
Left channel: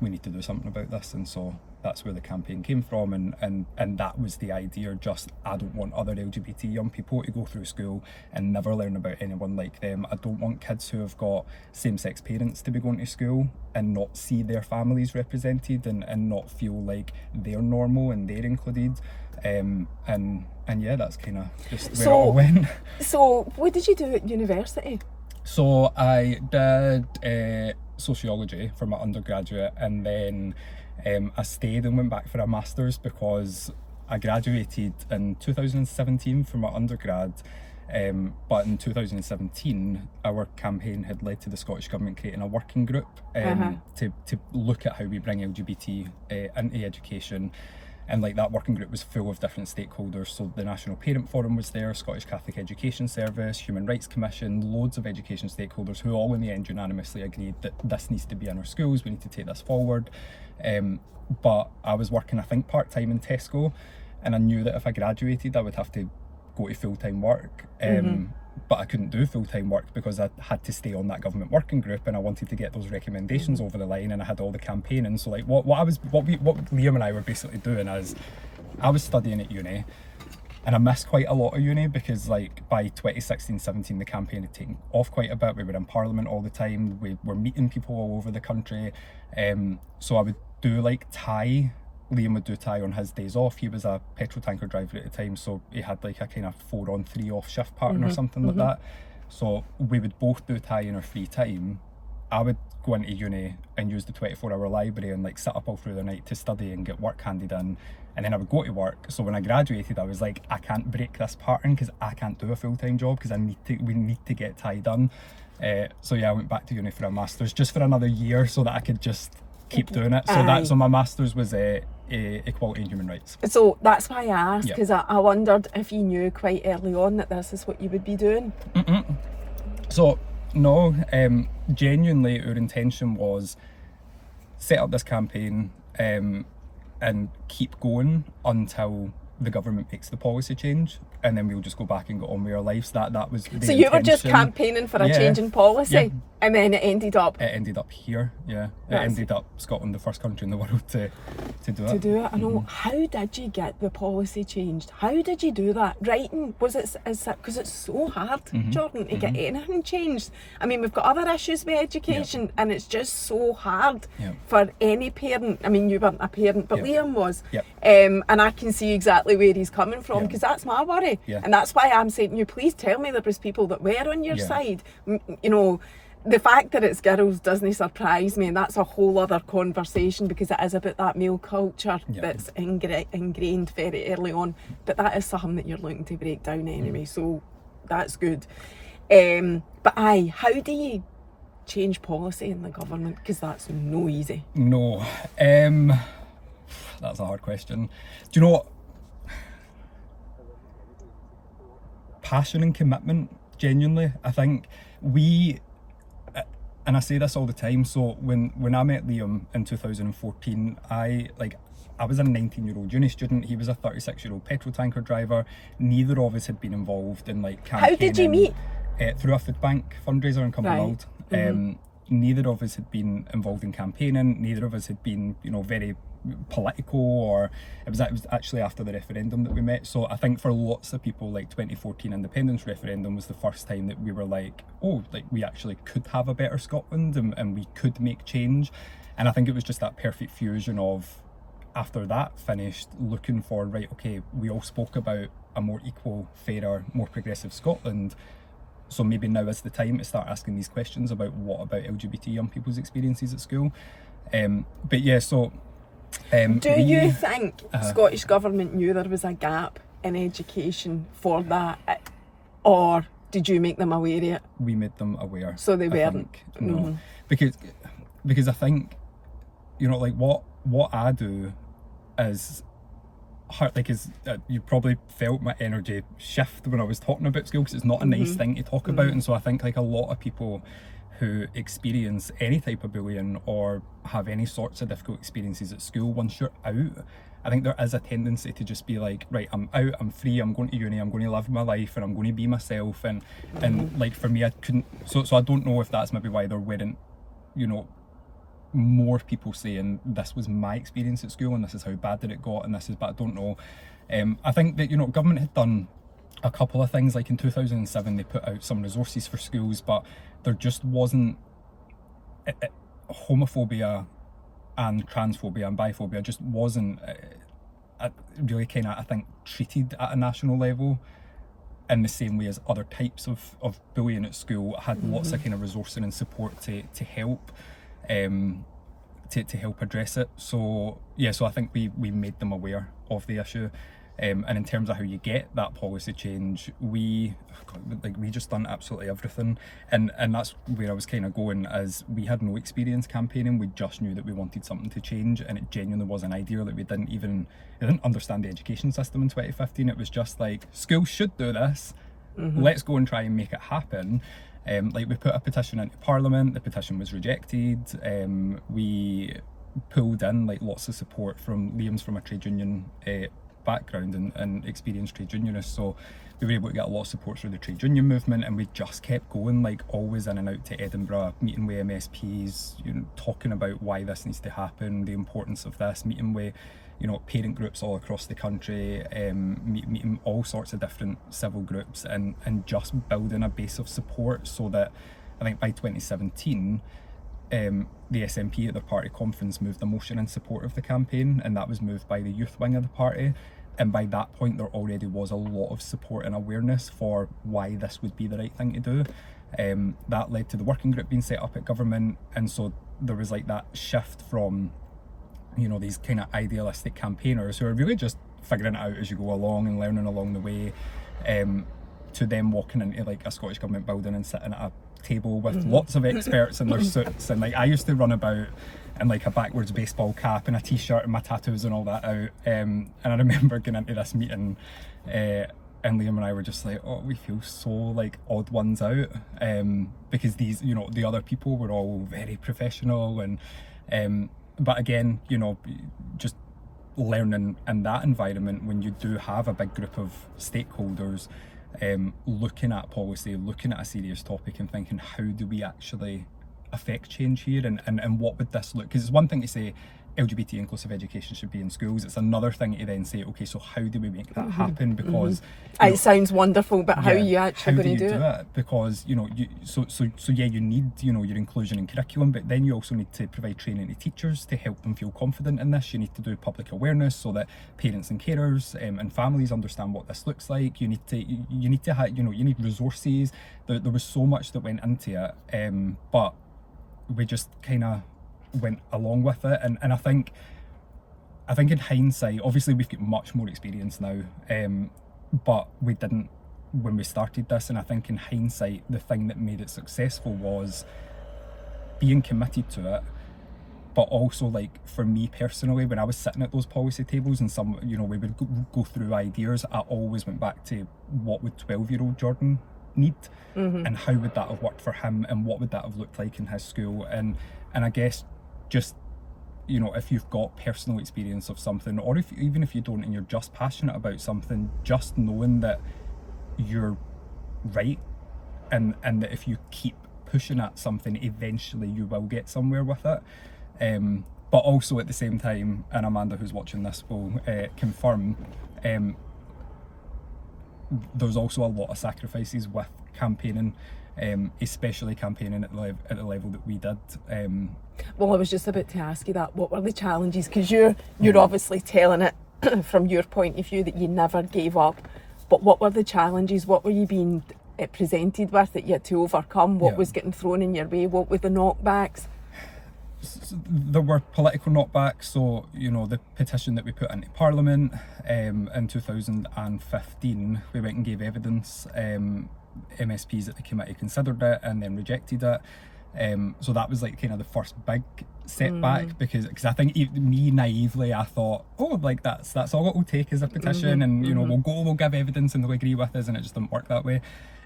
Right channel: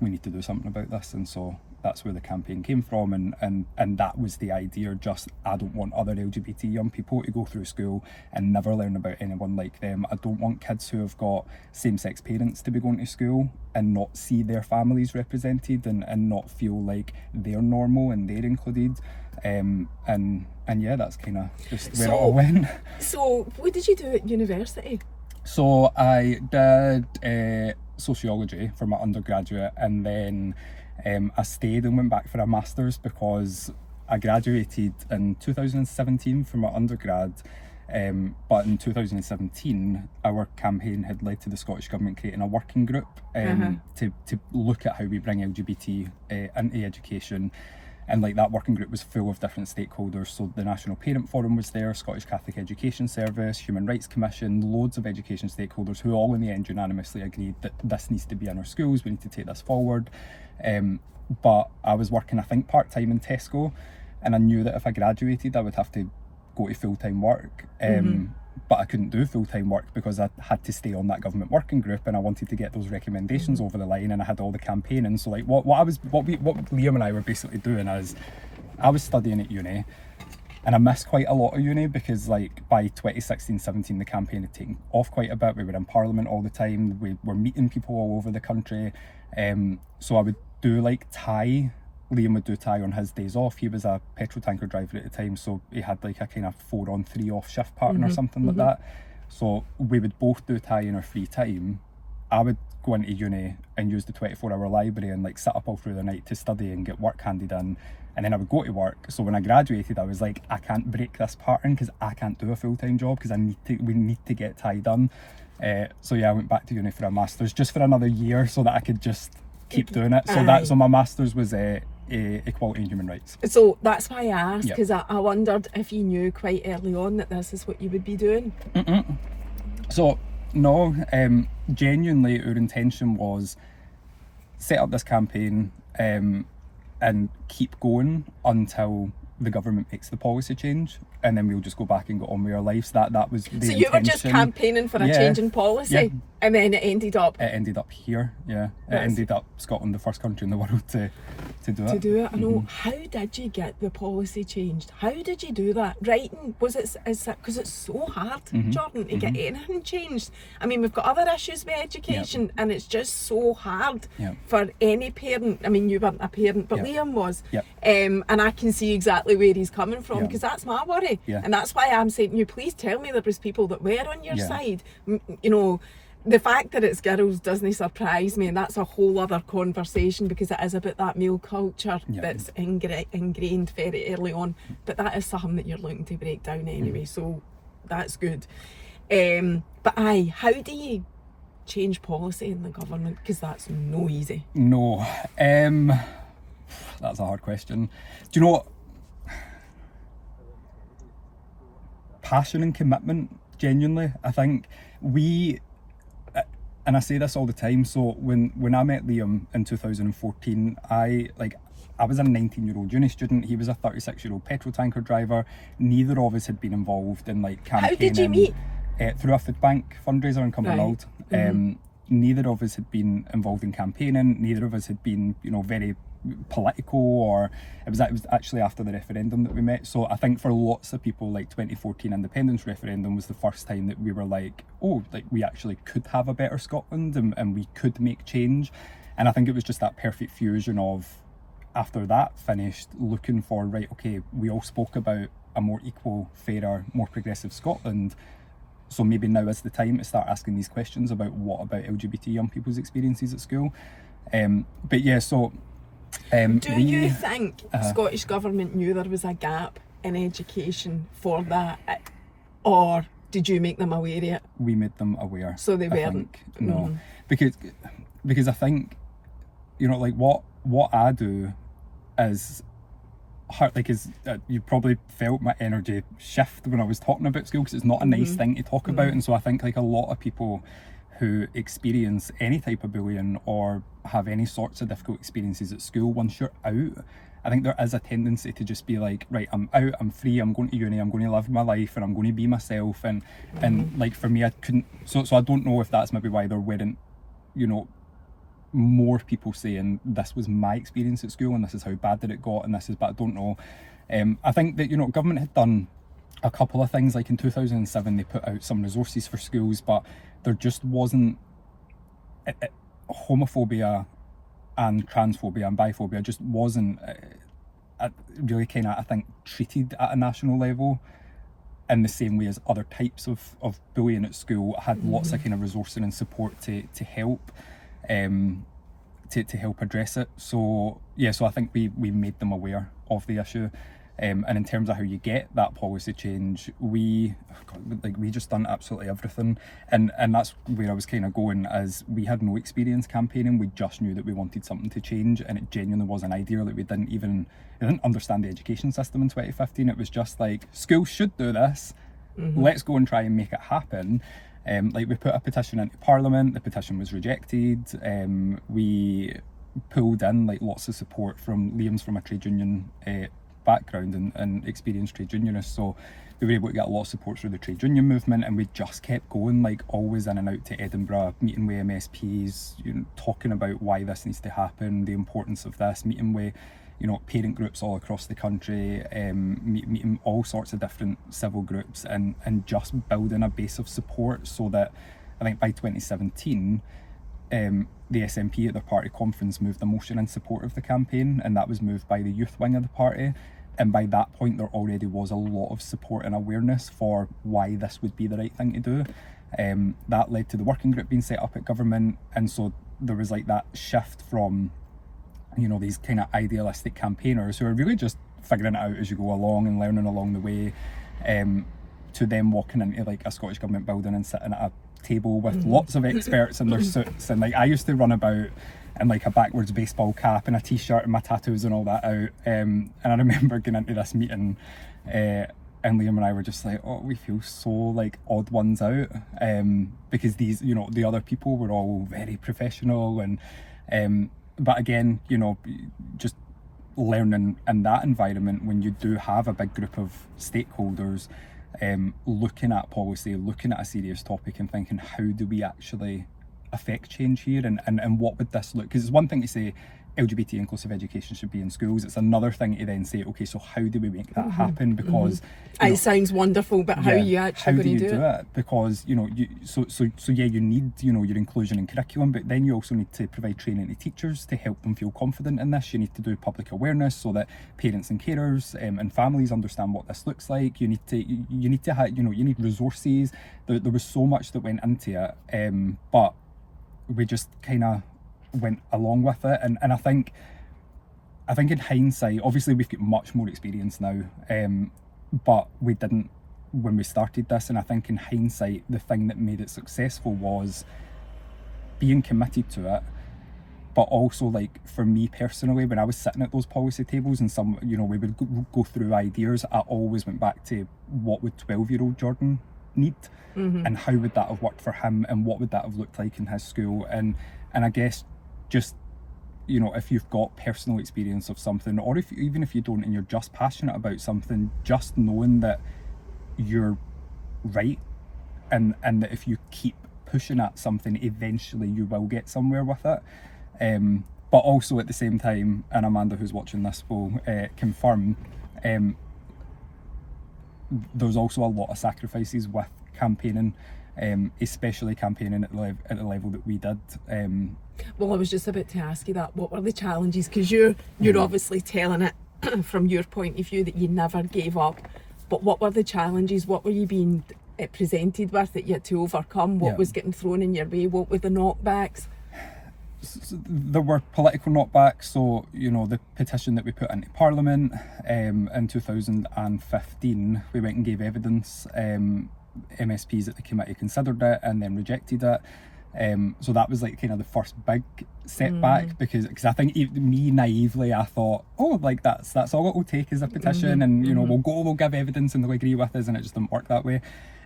We need to do something about this. And so that's where the campaign came from, and that was the idea. Just, I don't want other LGBT young people to go through school and never learn about anyone like them. I don't want kids who have got same-sex parents to be going to school and not see their families represented, and not feel like they're normal and they're included. And yeah, that's kind of just where it all went. So what did you do at university? So I did sociology for my undergraduate, and then I stayed and went back for a master's because I graduated in 2017 from my undergrad. But in 2017 our campaign had led to the Scottish Government creating a working group to look at how we bring LGBT into education. And like, that working group was full of different stakeholders. So the National Parent Forum was there, Scottish Catholic Education Service, Human Rights Commission, loads of education stakeholders who all in the end unanimously agreed that this needs to be in our schools, we need to take this forward. But I was working, I think, part-time in Tesco, and I knew that if I graduated I would have to go to full-time work. But I couldn't do full-time work because I had to stay on that government working group, and I wanted to get those recommendations over the line, and I had all the campaigning. So like, what Liam and I were basically doing is, I was studying at uni, and I missed quite a lot of uni because, like, by 2016-17 the campaign had taken off quite a bit. We were in Parliament all the time, we were meeting people all over the country. So I would do like TIE. Liam would do TIE on his days off. He was a petrol tanker driver at the time, so he had like a kind of 4-on-3 off shift pattern or something like that. So we would both do TIE in our free time. I would go into uni and use the 24-hour library and like sit up all through the night to study and get work handed in, and then I would go to work. So when I graduated I was like, I can't break this pattern because I can't do a full-time job, because we need to get TIE done. So yeah, I went back to uni for a master's just for another year so that I could just keep doing it. So my master's was equality and human rights. So that's why I asked, because I wondered if you knew quite early on that this is what you would be doing. So No, genuinely our intention was set up this campaign and keep going until the government makes the policy change, and then we'll just go back and go on with our lives. That was the So intention. you were just campaigning for a change in policy, Yeah. and then it ended up here. Yeah, That's- it ended up Scotland, the first country in the world to do it. to do it. I know. How did you get the policy changed? How did you do that? Writing, was it, because it's so hard, Jordan, to get anything changed. I mean, we've got other issues with education, and it's just so hard for any parent. I mean, you weren't a parent, but Liam was. Yep. And I can see exactly where he's coming from, because that's my worry. Yeah. And that's why I'm saying to you, please tell me there was people that were on your Yeah. side. You know, the fact that it's girls doesn't surprise me, and that's a whole other conversation, because it is about that male culture that's ingrained very early on. But that is something that you're looking to break down anyway, so that's good. But how do you change policy in the government? Because that's no easy. No, that's a hard question. Do you know what? Passion and commitment, genuinely. I think we, and I say this all the time, so when I met Liam in 2014, I was a 19-year-old uni student, he was a 36-year-old petrol tanker driver. Neither of us had been involved in campaigning. How did you meet? Through a food bank fundraiser in Cumbernauld. Neither of us had been involved in campaigning, neither of us had been, very political, or it was actually after the referendum that we met. So I think for lots of people, 2014 independence referendum was the first time that we were we actually could have a better Scotland, and we could make change. And I think it was just that perfect fusion of, after that finished, looking for, we all spoke about a more equal, fairer, more progressive Scotland. So maybe now is the time to start asking these questions about what about LGBT young people's experiences at school. But yeah, so do you think Scottish Government knew there was a gap in education for that, or did you make them aware of it? We made them aware. So they weren't? No, because I think, what I do is hard, you probably felt my energy shift when I was talking about school, because it's not a nice thing to talk about. And so I think a lot of people who experience any type of bullying or have any sorts of difficult experiences at school, once you're out, I think there is a tendency to just be right, I'm out, I'm free, I'm going to uni, I'm going to live my life, and I'm going to be myself. And for me, I couldn't, so I don't know if that's maybe why there weren't, more people saying this was my experience at school and this is how bad that it got, and this is bad. I don't know. I think that government had done a couple of things. In 2007 they put out some resources for schools, but there just wasn't homophobia and transphobia and biphobia just wasn't really I think treated at a national level in the same way as other types of bullying at school. Had lots of resourcing and support to help to help address it. So I think we made them aware of the issue. And in terms of how you get that policy change, we just done absolutely everything, and that's where I was going, as we had no experience campaigning. We just knew that we wanted something to change, and it genuinely was an idea that we didn't understand the education system in 2015. It was just schools should do this, let's go and try and make it happen. We put a petition into Parliament, the petition was rejected. We pulled in lots of support from Liam's from a trade union background and experienced trade unionist, so we were able to get a lot of support through the trade union movement, and we just kept going, always in and out to Edinburgh, meeting with MSPs, talking about why this needs to happen, the importance of this, meeting with parent groups all across the country, meeting all sorts of different civil groups, and just building a base of support, so that I think by 2017 the SNP at their party conference moved a motion in support of the campaign, and that was moved by the youth wing of the party. And by that point there already was a lot of support and awareness for why this would be the right thing to do. That led to the working group being set up at government, and so there was that shift from these idealistic campaigners who are really just figuring it out as you go along and learning along the way, to them walking into a Scottish Government building and sitting at a table with lots of experts in their suits, and I used to run about in a backwards baseball cap and a t-shirt and my tattoos and all that out, and I remember going into this meeting and and Liam and I were just like, oh, we feel so like odd ones out, because these, you know, the other people were all very professional, and but again, you know, just learning in that environment when you do have a big group of stakeholders, looking at policy, looking at a serious topic and thinking, how do we actually affect change here, and what would this look? Because it's one thing to say LGBT inclusive education should be in schools. It's another thing to then say, okay, so how do we make that happen? Because it sounds wonderful, but how are you actually going to do it? Because, you know, so yeah, you need, you know, your inclusion in curriculum, but then you also need to provide training to teachers to help them feel confident in this. You need to do public awareness so that parents and carers and families understand what this looks like. You need to have, you know, you need resources. There was so much that went into it, but we just kind of went along with it, and I think in hindsight, obviously we've got much more experience now, but we didn't when we started this, and I think in hindsight the thing that made it successful was being committed to it, but also, like, for me personally, when I was sitting at those policy tables and some, you know, we would go through ideas, I always went back to what would 12-year-old Jordan need, and how would that have worked for him, and what would that have looked like in his school, and I guess just, you know, if you've got personal experience of something, or even if you don't and you're just passionate about something, just knowing that you're right, and that if you keep pushing at something, eventually you will get somewhere with it. But also at the same time, and Amanda, who's watching this, will confirm, there's also a lot of sacrifices with campaigning, especially campaigning at the level that we did. Well, I was just about to ask you that. What were the challenges? Because you're obviously telling it from your point of view that you never gave up. But what were the challenges? What were you being presented with that you had to overcome? What was getting thrown in your way? What were the knockbacks? So there were political knockbacks. So, you know, the petition that we put into Parliament in 2015, we went and gave evidence. MSPs at the committee considered it and then rejected it. So that was like kind of the first big setback, because I think me naively I thought, oh, like that's all it will take is a petition, and you know, we'll give evidence and they'll agree with us, and it just didn't work that way.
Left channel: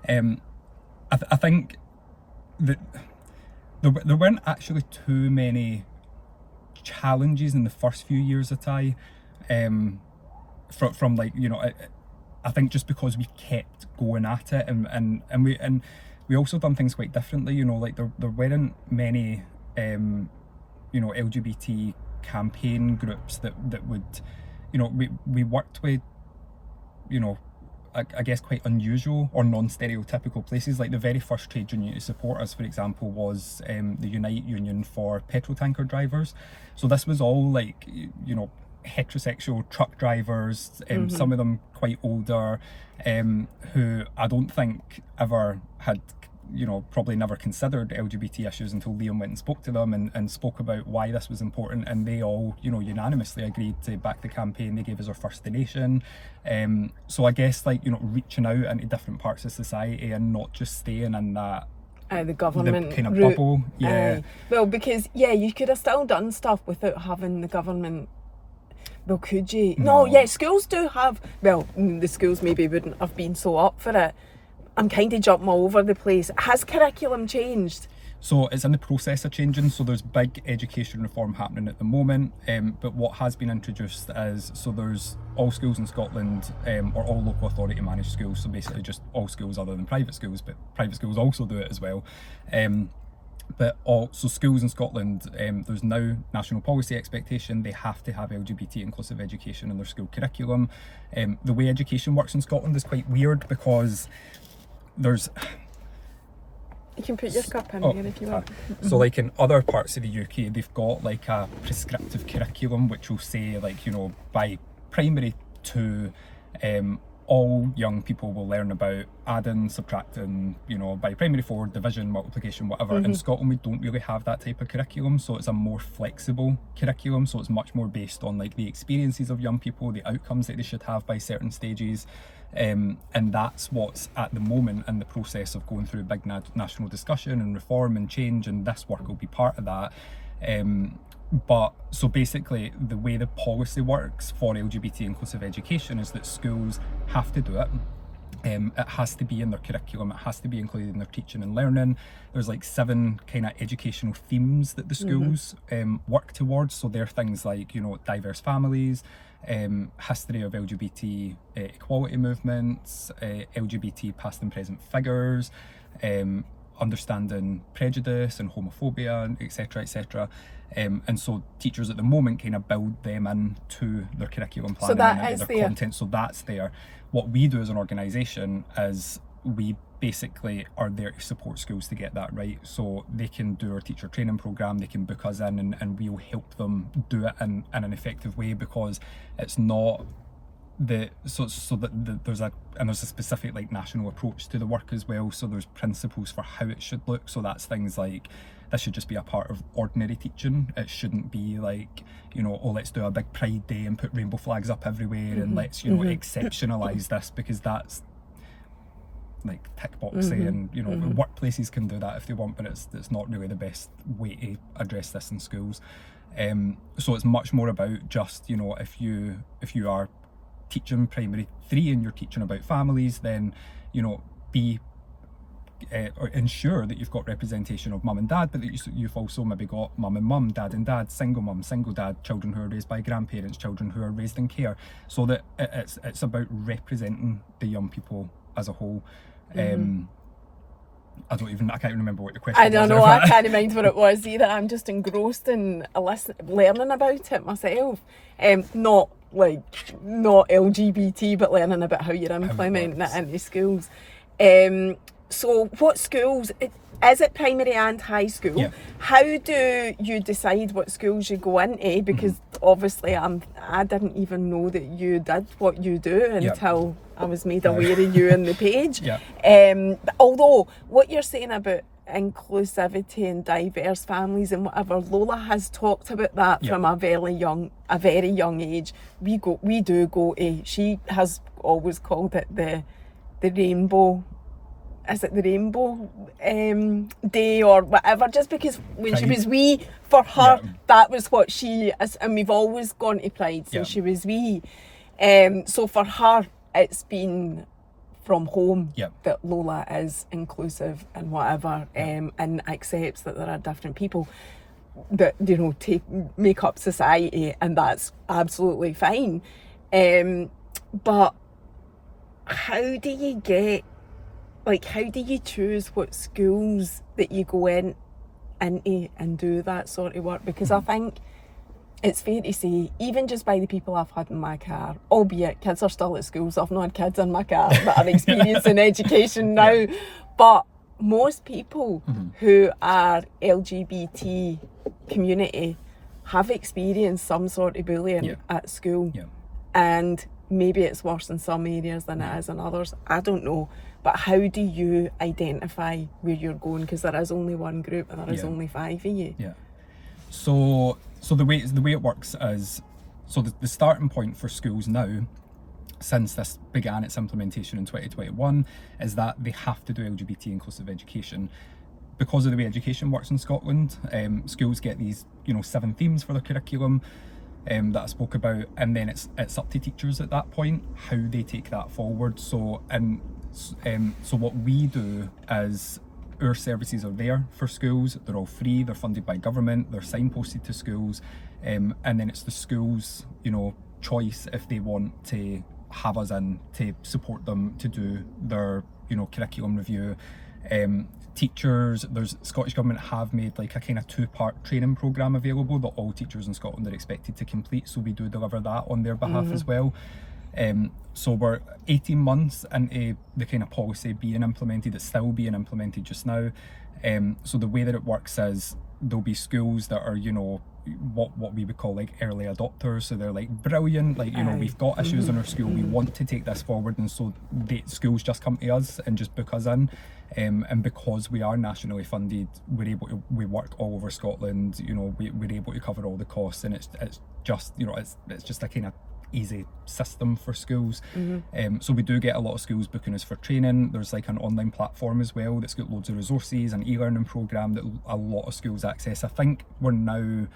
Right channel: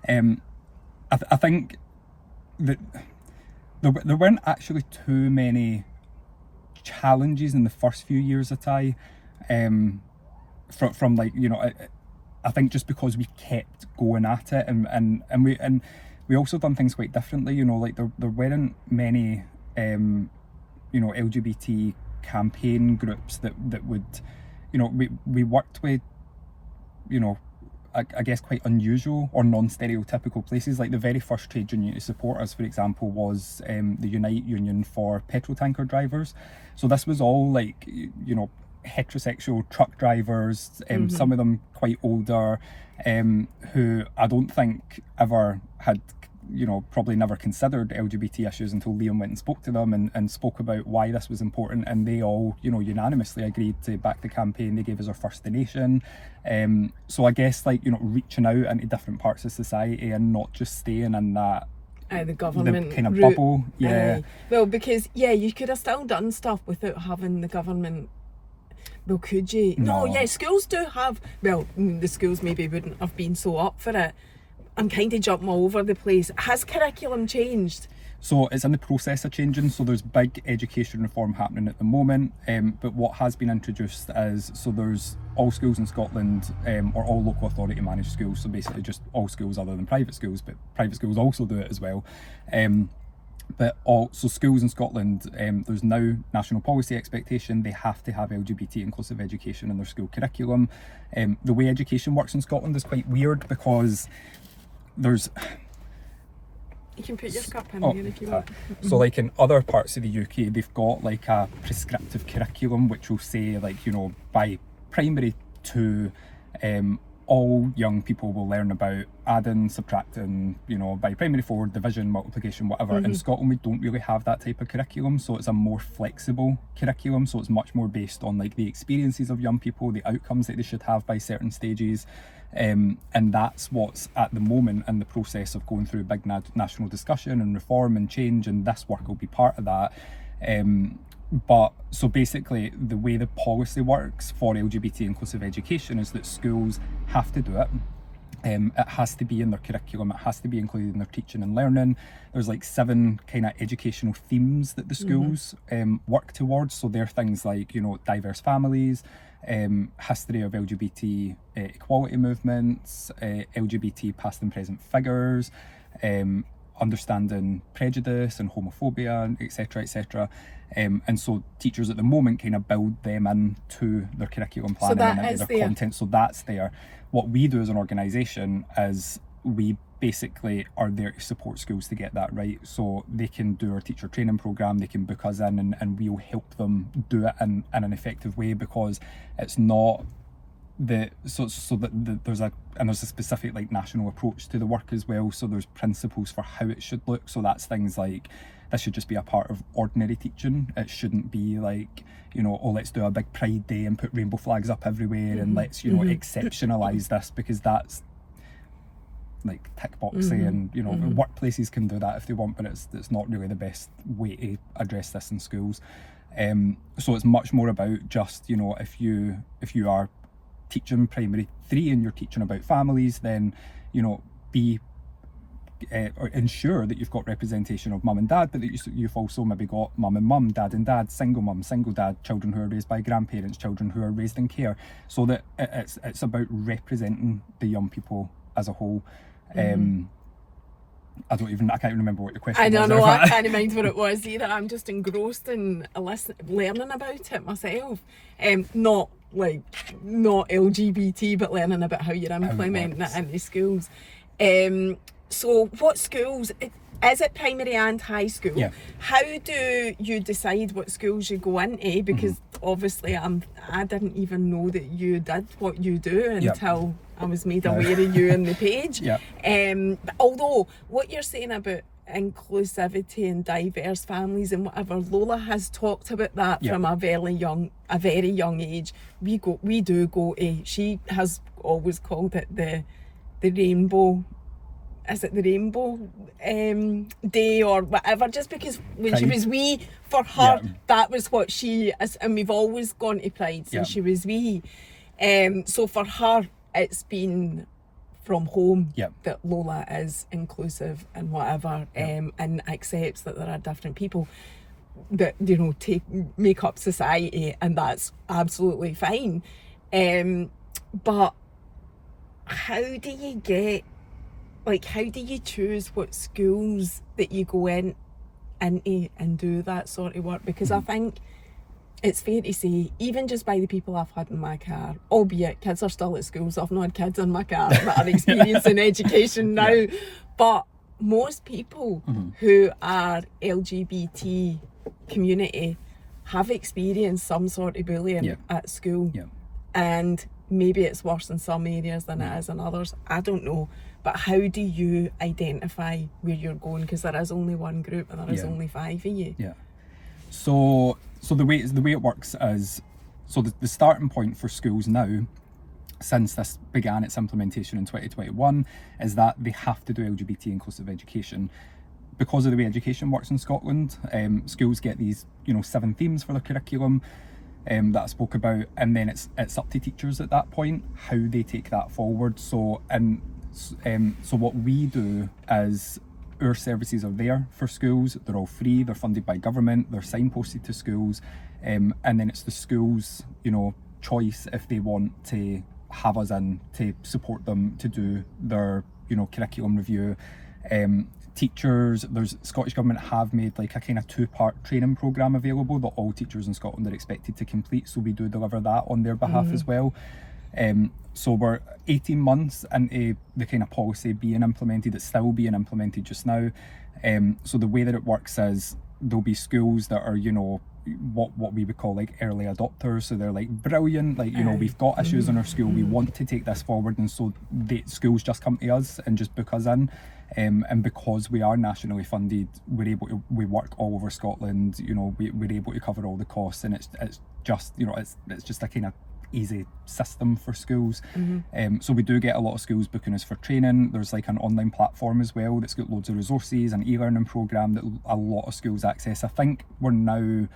I think that there weren't actually too many challenges in the first few years of TIE, from like, you know, I think just because we kept going at it, and we also done things quite differently, you know, like there weren't many you know, LGBT campaign groups that would, you know, we worked with, you know, I guess quite unusual or non-stereotypical places. Like the very first trade union to support us, for example, was the Unite Union for petrol tanker drivers. So this was all like, you know, heterosexual truck drivers, some of them quite older, who I don't think ever had, you know, probably never considered LGBT issues until Liam went and spoke to them and spoke about why this was important, and they all, you know, unanimously agreed to back the campaign. They gave us our first donation. So I guess, like, you know, reaching out into different parts of society and not just staying in that the government the kind of route. bubble. Well, because you could have still done stuff without having the government. Well, could you? No, schools do have, well, the schools maybe wouldn't have been so up for it. I'm kind of jumping all over the place. Has curriculum changed? So it's in the process of changing. So there's big education reform happening at the moment. But what has been introduced is, so there's all schools in Scotland, or all local authority managed schools. So basically just all schools other than private schools, but private schools also do it as well. So schools in Scotland, there's now national policy expectation. They have to have LGBT inclusive education in their school curriculum. The way education works in Scotland is quite weird, because there's... You can put your cup in again if you want. So like in other parts of the UK, they've got like a prescriptive curriculum which will say, like, you know, by primary 2, all young people will learn about adding, subtracting, you know, by primary 4, division, multiplication, whatever. In Scotland, we don't really have that type of curriculum, so it's a more flexible curriculum, so it's much more based on like the experiences of young people, the outcomes that they should have by certain stages. And that's what's at the moment in the process of going through a big national discussion and reform and change, and this work will be part of that. But so basically the way the policy works for LGBT inclusive education is that schools have to do it. It has to be in their curriculum, it has to be included in their teaching and learning. There's like 7 kind of educational themes that the schools work towards. So they're things like, diverse families, history of LGBT equality movements, LGBT past and present figures, understanding prejudice and homophobia, etc., etc. And so teachers at the moment kind of build them into their curriculum planning and into their content. So that's there. What we do as an organisation is we basically are there to support schools to get that right. So they can do our teacher training programme, they can book us in, and we'll help them do it in an effective way, because it's not there's a specific like national approach to the work as well. So there's principles for how it should look. So that's things like, this should just be a part of ordinary teaching. It shouldn't be like, let's do a big Pride Day and put rainbow flags up everywhere and let's, exceptionalise this, because that's like tick boxing, and workplaces can do that if they want, but it's not really the best way to address this in schools. So it's much more about just, if you are teaching primary 3 and you're teaching about families, then be or ensure that you've got representation of mum and dad, but that you've also maybe got mum and mum, dad and dad, single mum, single dad, children who are raised by grandparents, children who are raised in care, so that it's about representing the young people as a whole. I can't remember what your question was. I don't know, I can't mind what it was either. I'm just engrossed in learning about it myself. Not LGBT, but learning about how you're implementing it into schools. So what schools, is it primary and high school? Yeah. How do you decide what schools you go into? Because obviously I didn't even know that you did what you do until I was made aware of you on the page. Although what you're saying about inclusivity and diverse families and whatever, Lola has talked about that from a very young age. We do go to, she has always called it the rainbow. Is it the rainbow day or whatever? Just because when she was wee, for her, that was what she is, and we've always gone to Pride since she was wee. So for her, it's been from home that Lola is inclusive and whatever, and accepts that there are different people that make up society, and that's absolutely fine. But how do you choose what schools that you go into and do that sort of work? Because I think it's fair to say, even just by the people I've had in my car, albeit kids are still at school, so I've not had kids in my car that are experiencing education now, but most people who are LGBT community have experienced some sort of bullying at school, and maybe it's worse in some areas than it is in others. I don't know. But how do you identify where you're going? Because there is only one group and there is only 5 of you. Yeah. So the way it works is, so the starting point for schools now, since this began its implementation in 2021, is that they have to do LGBT inclusive education. Because of the way education works in Scotland, schools get these 7 themes for their curriculum that I spoke about, and then it's up to teachers at that point how they take that forward. So what we do is, our services are there for schools. They're all free, they're funded by government, they're signposted to schools, and then it's the schools choice if they want to have us in to support them to do their curriculum review. Teachers, there's Scottish Government have made like a kind of 2-part training programme available that all teachers in Scotland are expected to complete, so we do deliver that on their behalf as well. So we're 18 months into the kind of policy being implemented. It's still being implemented just now. So the way that it works is, there'll be schools that are what we would call like early adopters. So they're like brilliant, like we've got issues in our school, we want to take this forward, and so the schools just come to us and just book us in. And because we are nationally funded, we work all over Scotland. We're able to cover all the costs, and it's just it's just a kind of easy system for schools. So we do get a lot of schools booking us for training. There's like an online platform as well that's got loads of resources, an e-learning programme that a lot of schools access. I think we're now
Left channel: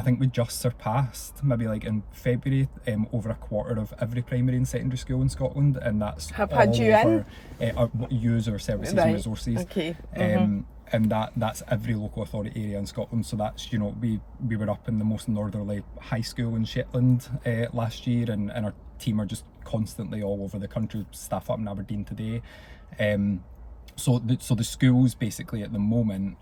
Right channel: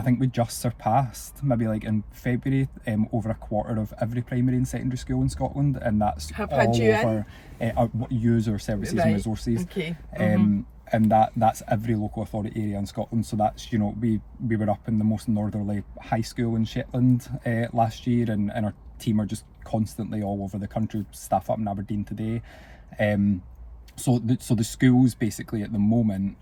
I think we just surpassed, maybe like in February, over a quarter of every primary and secondary school in Scotland, and that's Have all had you over our user services and resources. Okay. And that's every local authority area in Scotland. So that's, you know, we were up in the most northerly high school in Shetland last year, and our team are just constantly all over the country, staff up in Aberdeen today. So the schools basically at the moment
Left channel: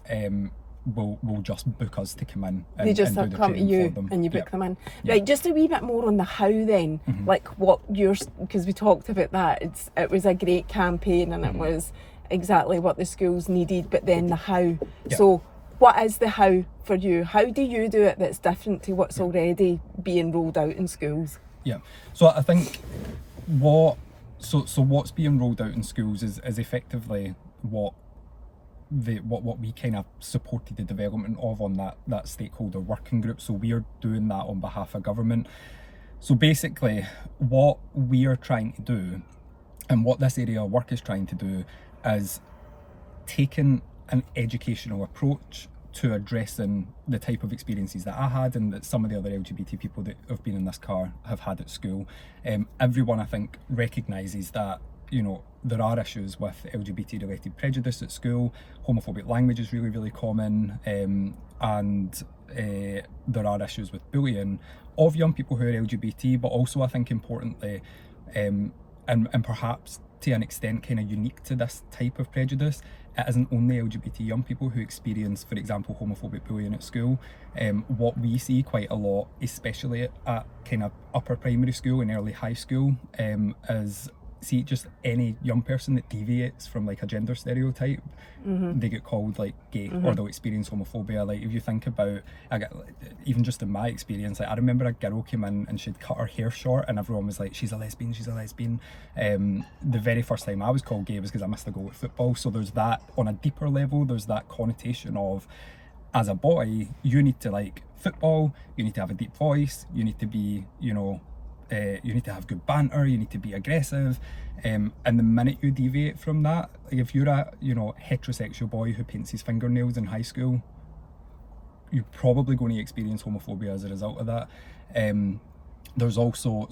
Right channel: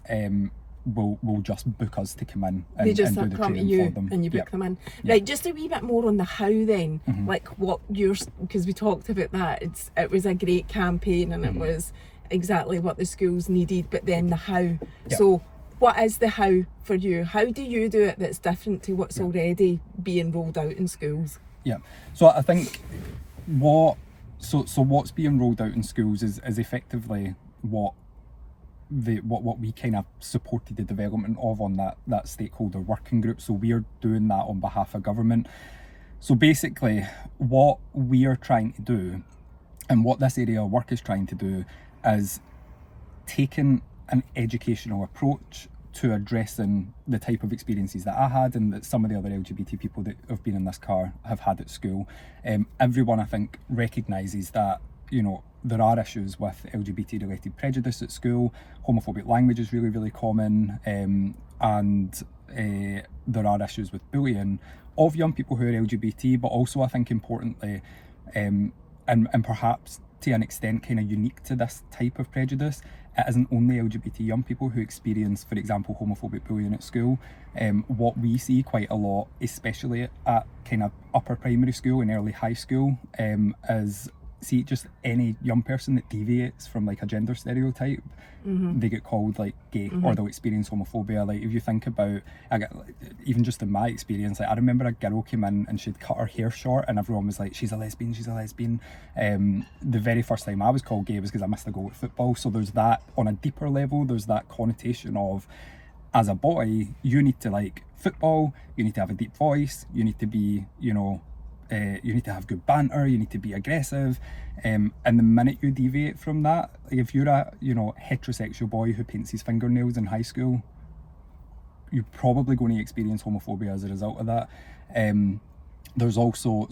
will just book us to come in and, they just and do the come to training you for them. and you book Yep. them in. Yep. Right, just a wee bit more on the how then. Like what you're, because we talked about that. It was a great campaign and it was exactly what the schools needed, but then the how. Yep. So what is the how for you? How do you do it that's different to what's already being rolled out in schools? Yeah. So I think what's being rolled out in schools is effectively what we kind of supported the development of on that stakeholder working group. So we are doing that on behalf of government. So basically what we are trying to do, and what this area of work is trying to do, is taking an educational approach to addressing the type of experiences that I had and that some of the other LGBT people that have been in this car have had at school. Everyone, I think, recognises that, you know, there are issues with LGBT related prejudice at school. Homophobic language is really, really common, and there are issues with bullying of young people who are LGBT, but also I think importantly, and perhaps to an extent kind of unique to this type of prejudice, it isn't only LGBT young people who experience, for example, homophobic bullying at school. What we see quite a lot, especially at kind of upper primary school and early high school, is see just any young person that deviates from like a gender stereotype, they get called like gay, or they'll experience homophobia. Like if you think about, even just in my experience, like I remember a girl came in and she'd cut her hair short and everyone was like, she's a lesbian. The very first time I was called gay was because I missed a goal at football. So there's that on a deeper level, there's that connotation of, as a boy, you need to like football, you need to have a deep voice, you need to be, you know, you need to have good banter, you need to be aggressive, and the minute you deviate from that, like if you're a, you know, heterosexual boy who paints his fingernails in high school, you're probably going to experience homophobia as a result of that. There's also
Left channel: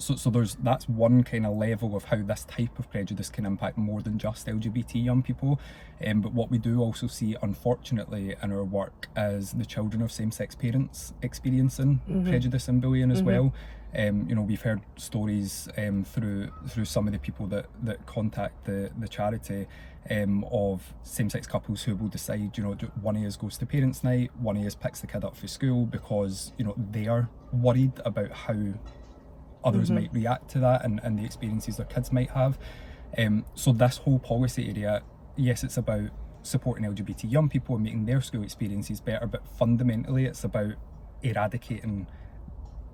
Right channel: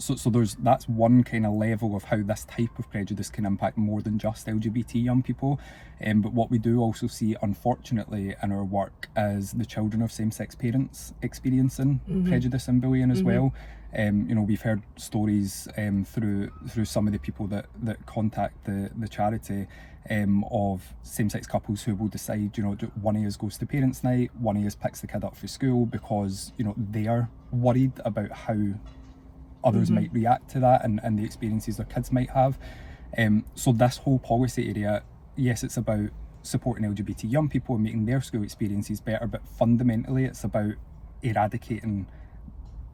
that's one kind of level of how this type of prejudice can impact more than just LGBT young people. But what we do also see, unfortunately, in our work is the children of same-sex parents experiencing prejudice and bullying as well. You know, we've heard stories through some of the people that contact the charity, of same-sex couples who will decide, you know, one of us goes to parents' night, one of us picks the kid up for school because, you know, they are worried about how others might react to that and the experiences their kids might have. So this whole policy area, yes, it's about supporting LGBT young people and making their school experiences better, but fundamentally it's about eradicating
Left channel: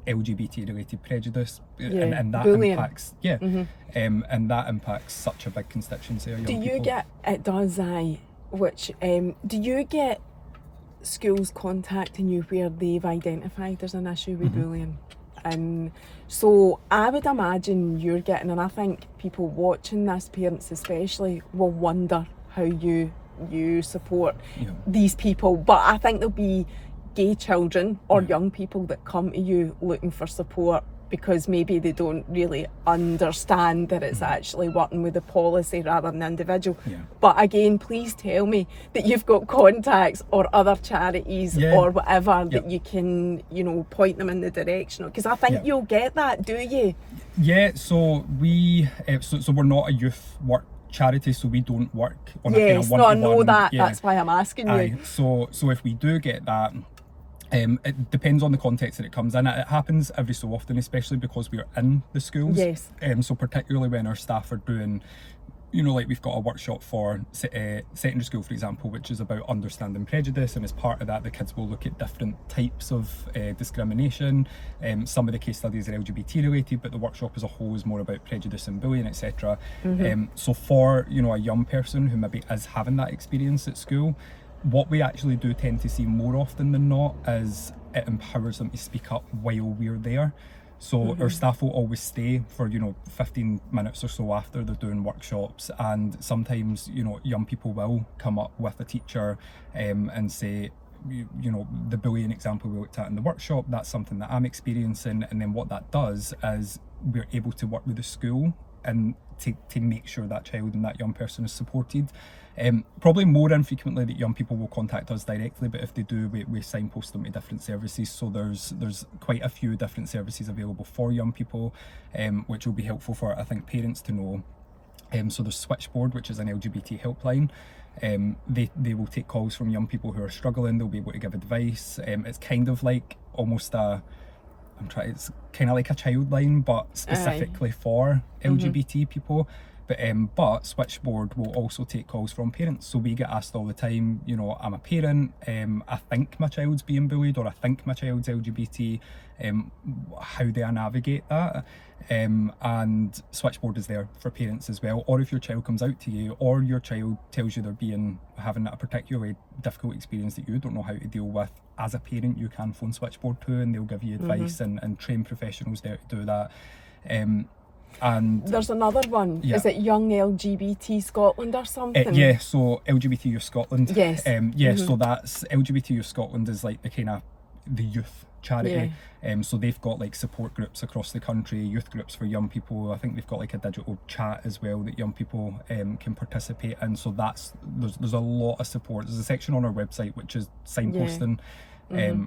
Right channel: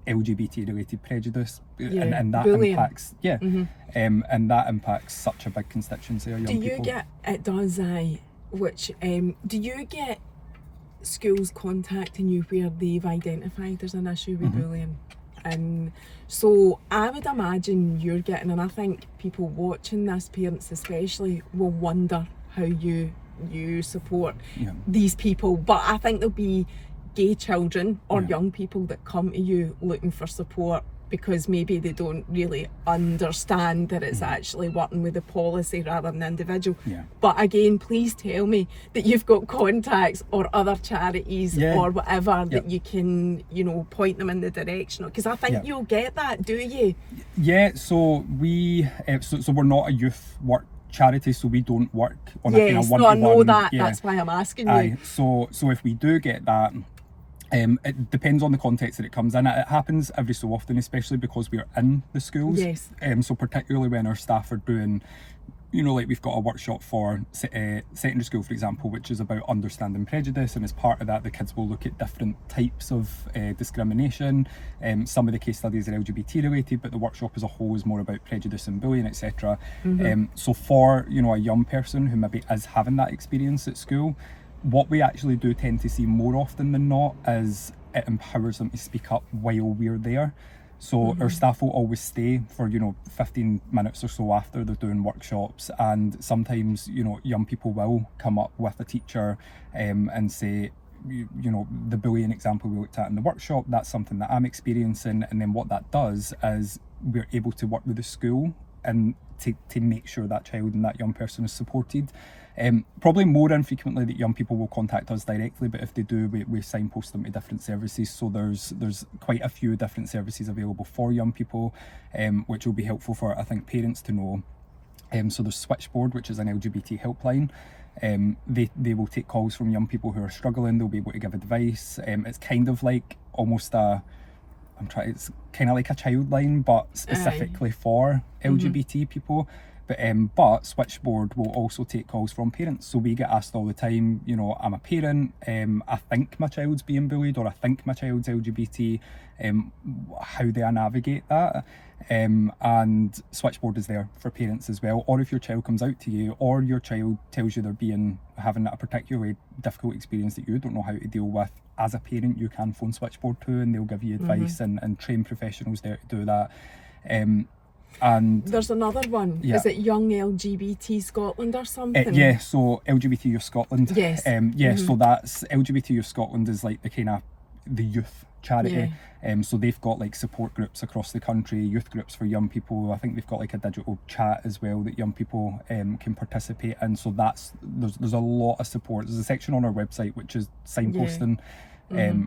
LGBT related prejudice, and that bullying. impacts and that impacts such a big constituency of young people. Do you get schools contacting you where they've identified there's an issue with bullying? And so I would imagine you're getting, and I think people watching this, parents especially, will wonder how you support these people. But I think there'll be gay children or young people that come to you looking for support because maybe they don't really understand that it's actually working with the policy rather than individual. But again, please tell me that you've got contacts or other charities or whatever that you can, you know, point them in the direction of, because I think you'll get that, do you? So we so we're not a youth work charity, so we don't work on a kind of one-to-one. No, I know that. That's why I'm asking you. So if we do get that, it depends on the context that it comes in. It happens every so often, especially because we're in the schools. So particularly when our staff are doing, you know, like we've got a workshop for secondary school, for example, which is about understanding prejudice, and as part of that the kids will look at different types of discrimination. Some of the case studies are LGBT related, but the workshop as a whole is more about prejudice and bullying, etc. So for, you know, a young person who maybe is having that experience at school, what we actually do tend to see more often than not is it empowers them to speak up while we're there. So our staff will always stay for, you know, 15 minutes or so after they're doing workshops, and sometimes, you know, young people will come up with a teacher and say, you know, the bullying example we looked at in the workshop, that's something that I'm experiencing, and then what that does is we're able to work with the school and to make sure that child and that young person is supported. Probably more infrequently that young people will contact us directly, but if they do, we signpost them to different services. So there's quite a few different services available for young people, which will be helpful for, I think, parents to know. So there's Switchboard, which is an LGBT helpline. They will take calls from young people who are struggling. They'll be able to give advice. It's kind of like almost it's kind of like a child line, but specifically for LGBT people. But Switchboard will also take calls from parents. So we get asked all the time, you know, I'm a parent, I think my child's being bullied, or I think my child's LGBT, how do I navigate that? And Switchboard is there for parents as well. Or if your child comes out to you, or your child tells you they're having a particularly difficult experience that you don't know how to deal with, as a parent you can phone Switchboard too, and they'll give you advice and train professionals there to do that. And there's another one. Yeah. Is it Young LGBT Scotland or something? Yeah, so LGBT Youth Scotland. Yes. So that's LGBT Youth Scotland is like the youth charity. So they've got like support groups across the country, youth groups for young people. I think they've got like a digital chat as well that young people can participate in. So there's a lot of support. There's a section on our website which is signposting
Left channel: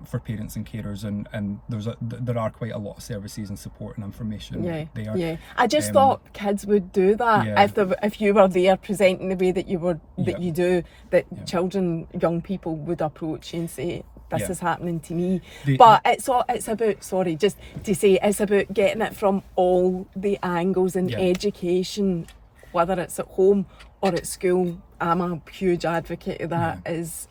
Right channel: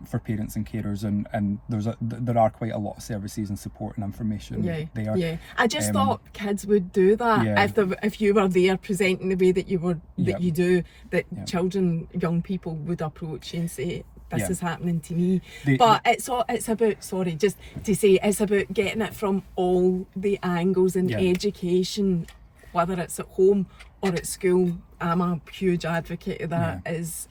for parents and carers, and there are quite a lot of services and support and information there. Yeah, I just thought kids would do that if you were there presenting the way that you do, that children, young people would approach you and say, this is happening to me. But it's about, sorry, just to say, it's about getting it from all the angles in education, whether it's at home or at school. I'm a huge advocate of that. Is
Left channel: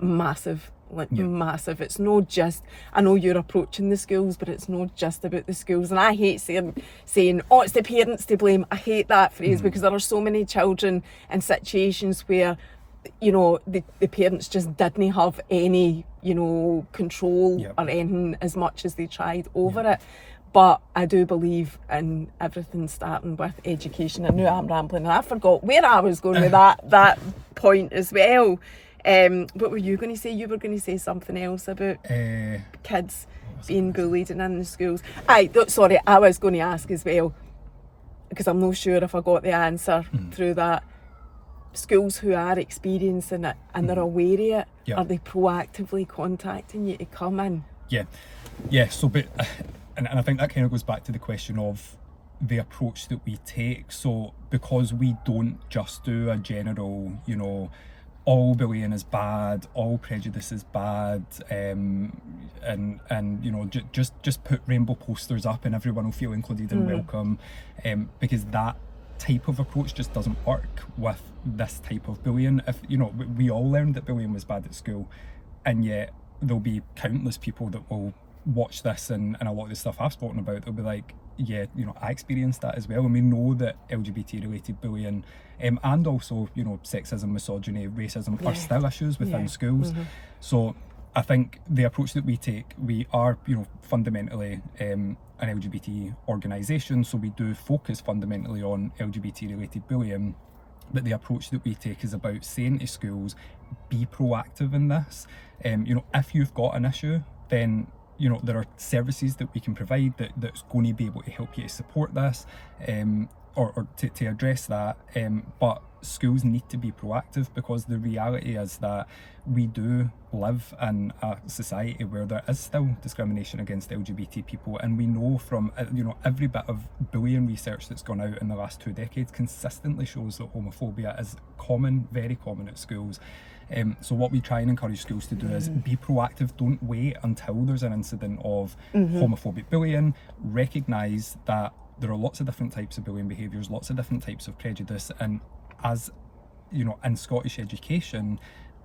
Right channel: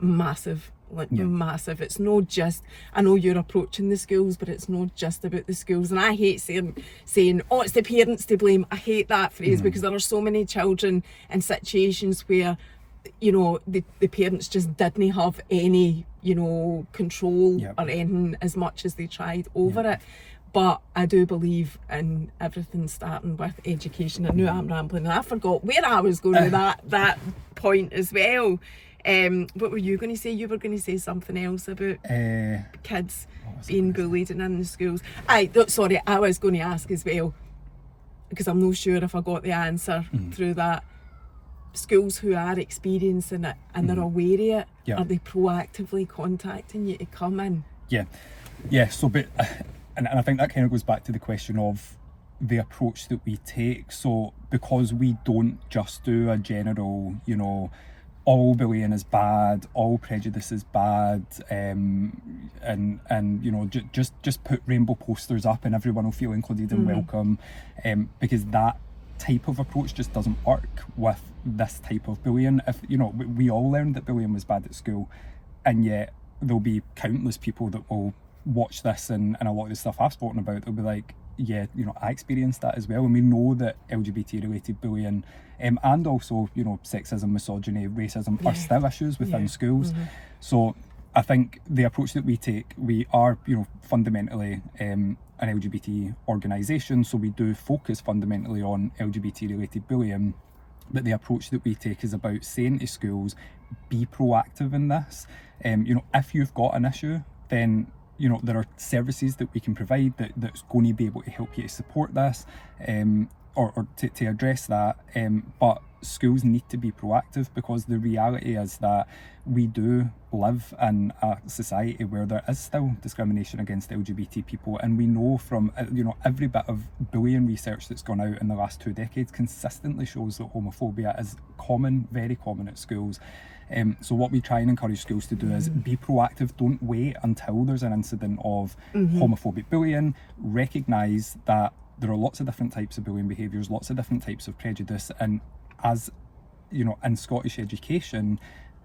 massive. Massive. It's not just, I know you're approaching the schools, but it's not just about the schools. And I hate saying oh, it's the parents to blame. I hate that phrase because there are so many children in situations where, you know, the parents just didn't have any, you know, control or anything as much as they tried over it. But I do believe in everything starting with education. I knew I'm rambling. I forgot where I was going with that point as well. What were you going to say? You were going to say something else about kids being bullied and in the schools. I was going to ask as well, because I'm not sure if I got the answer through that. Schools who are experiencing it and they're aware of it, are they proactively contacting you to come in? So and I think that kind of goes back to the question of the approach that we take. So because we don't just do a general, you know, all bullying is bad, all prejudice is bad, and you know, just put rainbow posters up and everyone will feel included and welcome, because that type of approach just doesn't work with this type of bullying. If you know, we all learned that bullying was bad at school, and yet there'll be countless people that will watch this and a lot of the stuff I've spoken about, they'll be like, yeah, you know, I experienced that as well. And we know that LGBT related bullying and also, you know, sexism, misogyny, racism are still issues within schools. So I think the approach that we take, we are, you know, fundamentally an LGBT organisation, so we do focus fundamentally on LGBT related bullying, but the approach that we take is about saying to schools, be proactive in this. You know, if you've got an issue, then you know, there are services that we can provide that's going to be able to help you to support this, or to address that. But schools need to be proactive, because the reality is that we do live in a society where there is still discrimination against LGBT people, and we know from you know, every bit of bullying research that's gone out in the last 2 decades consistently shows that homophobia is common, very common at schools. So what we try and encourage schools to do is be proactive. Don't wait until there's an incident of homophobic bullying. Recognise that there are lots of different types of bullying behaviours, lots of different types of prejudice, and as you know, in Scottish education,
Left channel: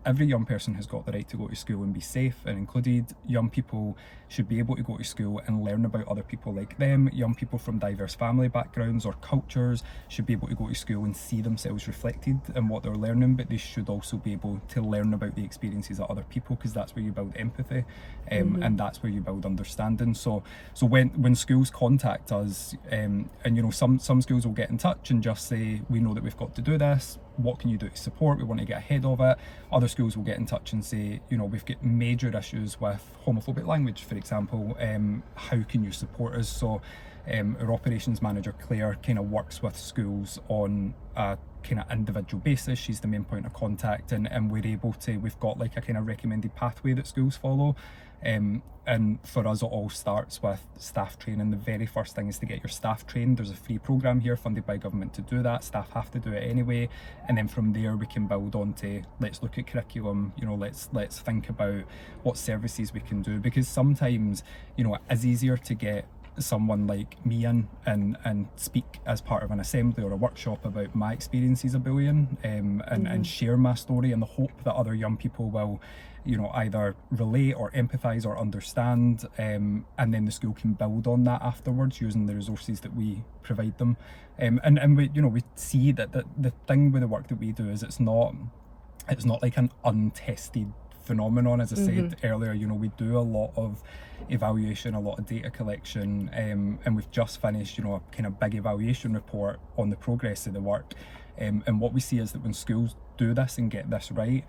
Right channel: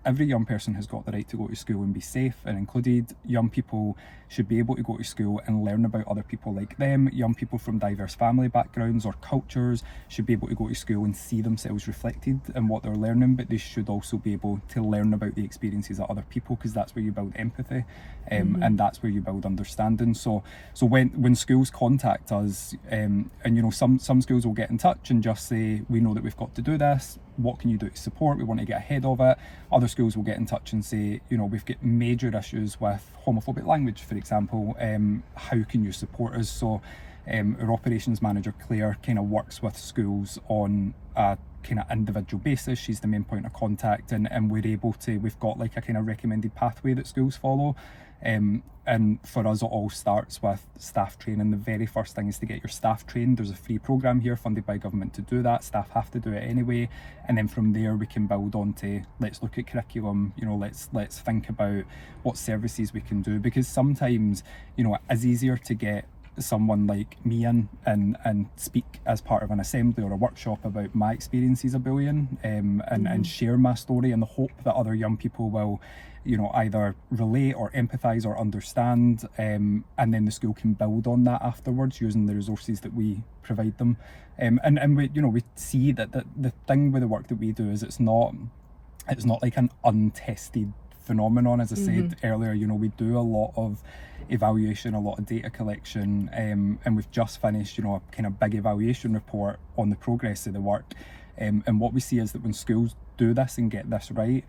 every young person has got the right to go to school and be safe and included. Young people should be able to go to school and learn about other people like them. Young people from diverse family backgrounds or cultures should be able to go to school and see themselves reflected in what they're learning, but they should also be able to learn about the experiences of other people, because that's where you build empathy, and that's where you build understanding. So when schools contact us, and you know, some schools will get in touch and just say, we know that we've got to do this, what can you do to support? We want to get ahead of it. Other schools will get in touch and say, you know, we've got major issues with homophobic language, for example. How can you support us? So our operations manager, Claire, kind of works with schools on a kind of individual basis. She's the main point of contact, and we've got like a kind of recommended pathway that schools follow. And for us, it all starts with staff training. The very first thing is to get your staff trained. There's a free programme here funded by government to do that. Staff have to do it anyway. And then from there, we can build on to, let's look at curriculum, you know, let's think about what services we can do. Because sometimes, you know, it is easier to get someone like me in and speak as part of an assembly or a workshop about my experiences of bullying, and share my story in the hope that other young people will, you know, either relate or empathise or understand, and then the school can build on that afterwards using the resources that we provide them. And we, you know, we see that the thing with the work that we do is it's not like an untested phenomenon. As I said earlier, you know, we do a lot of evaluation, a lot of data collection, and we've just finished, you know, a kind of big evaluation report on the progress of the work. And what we see is that when schools do this and get this right,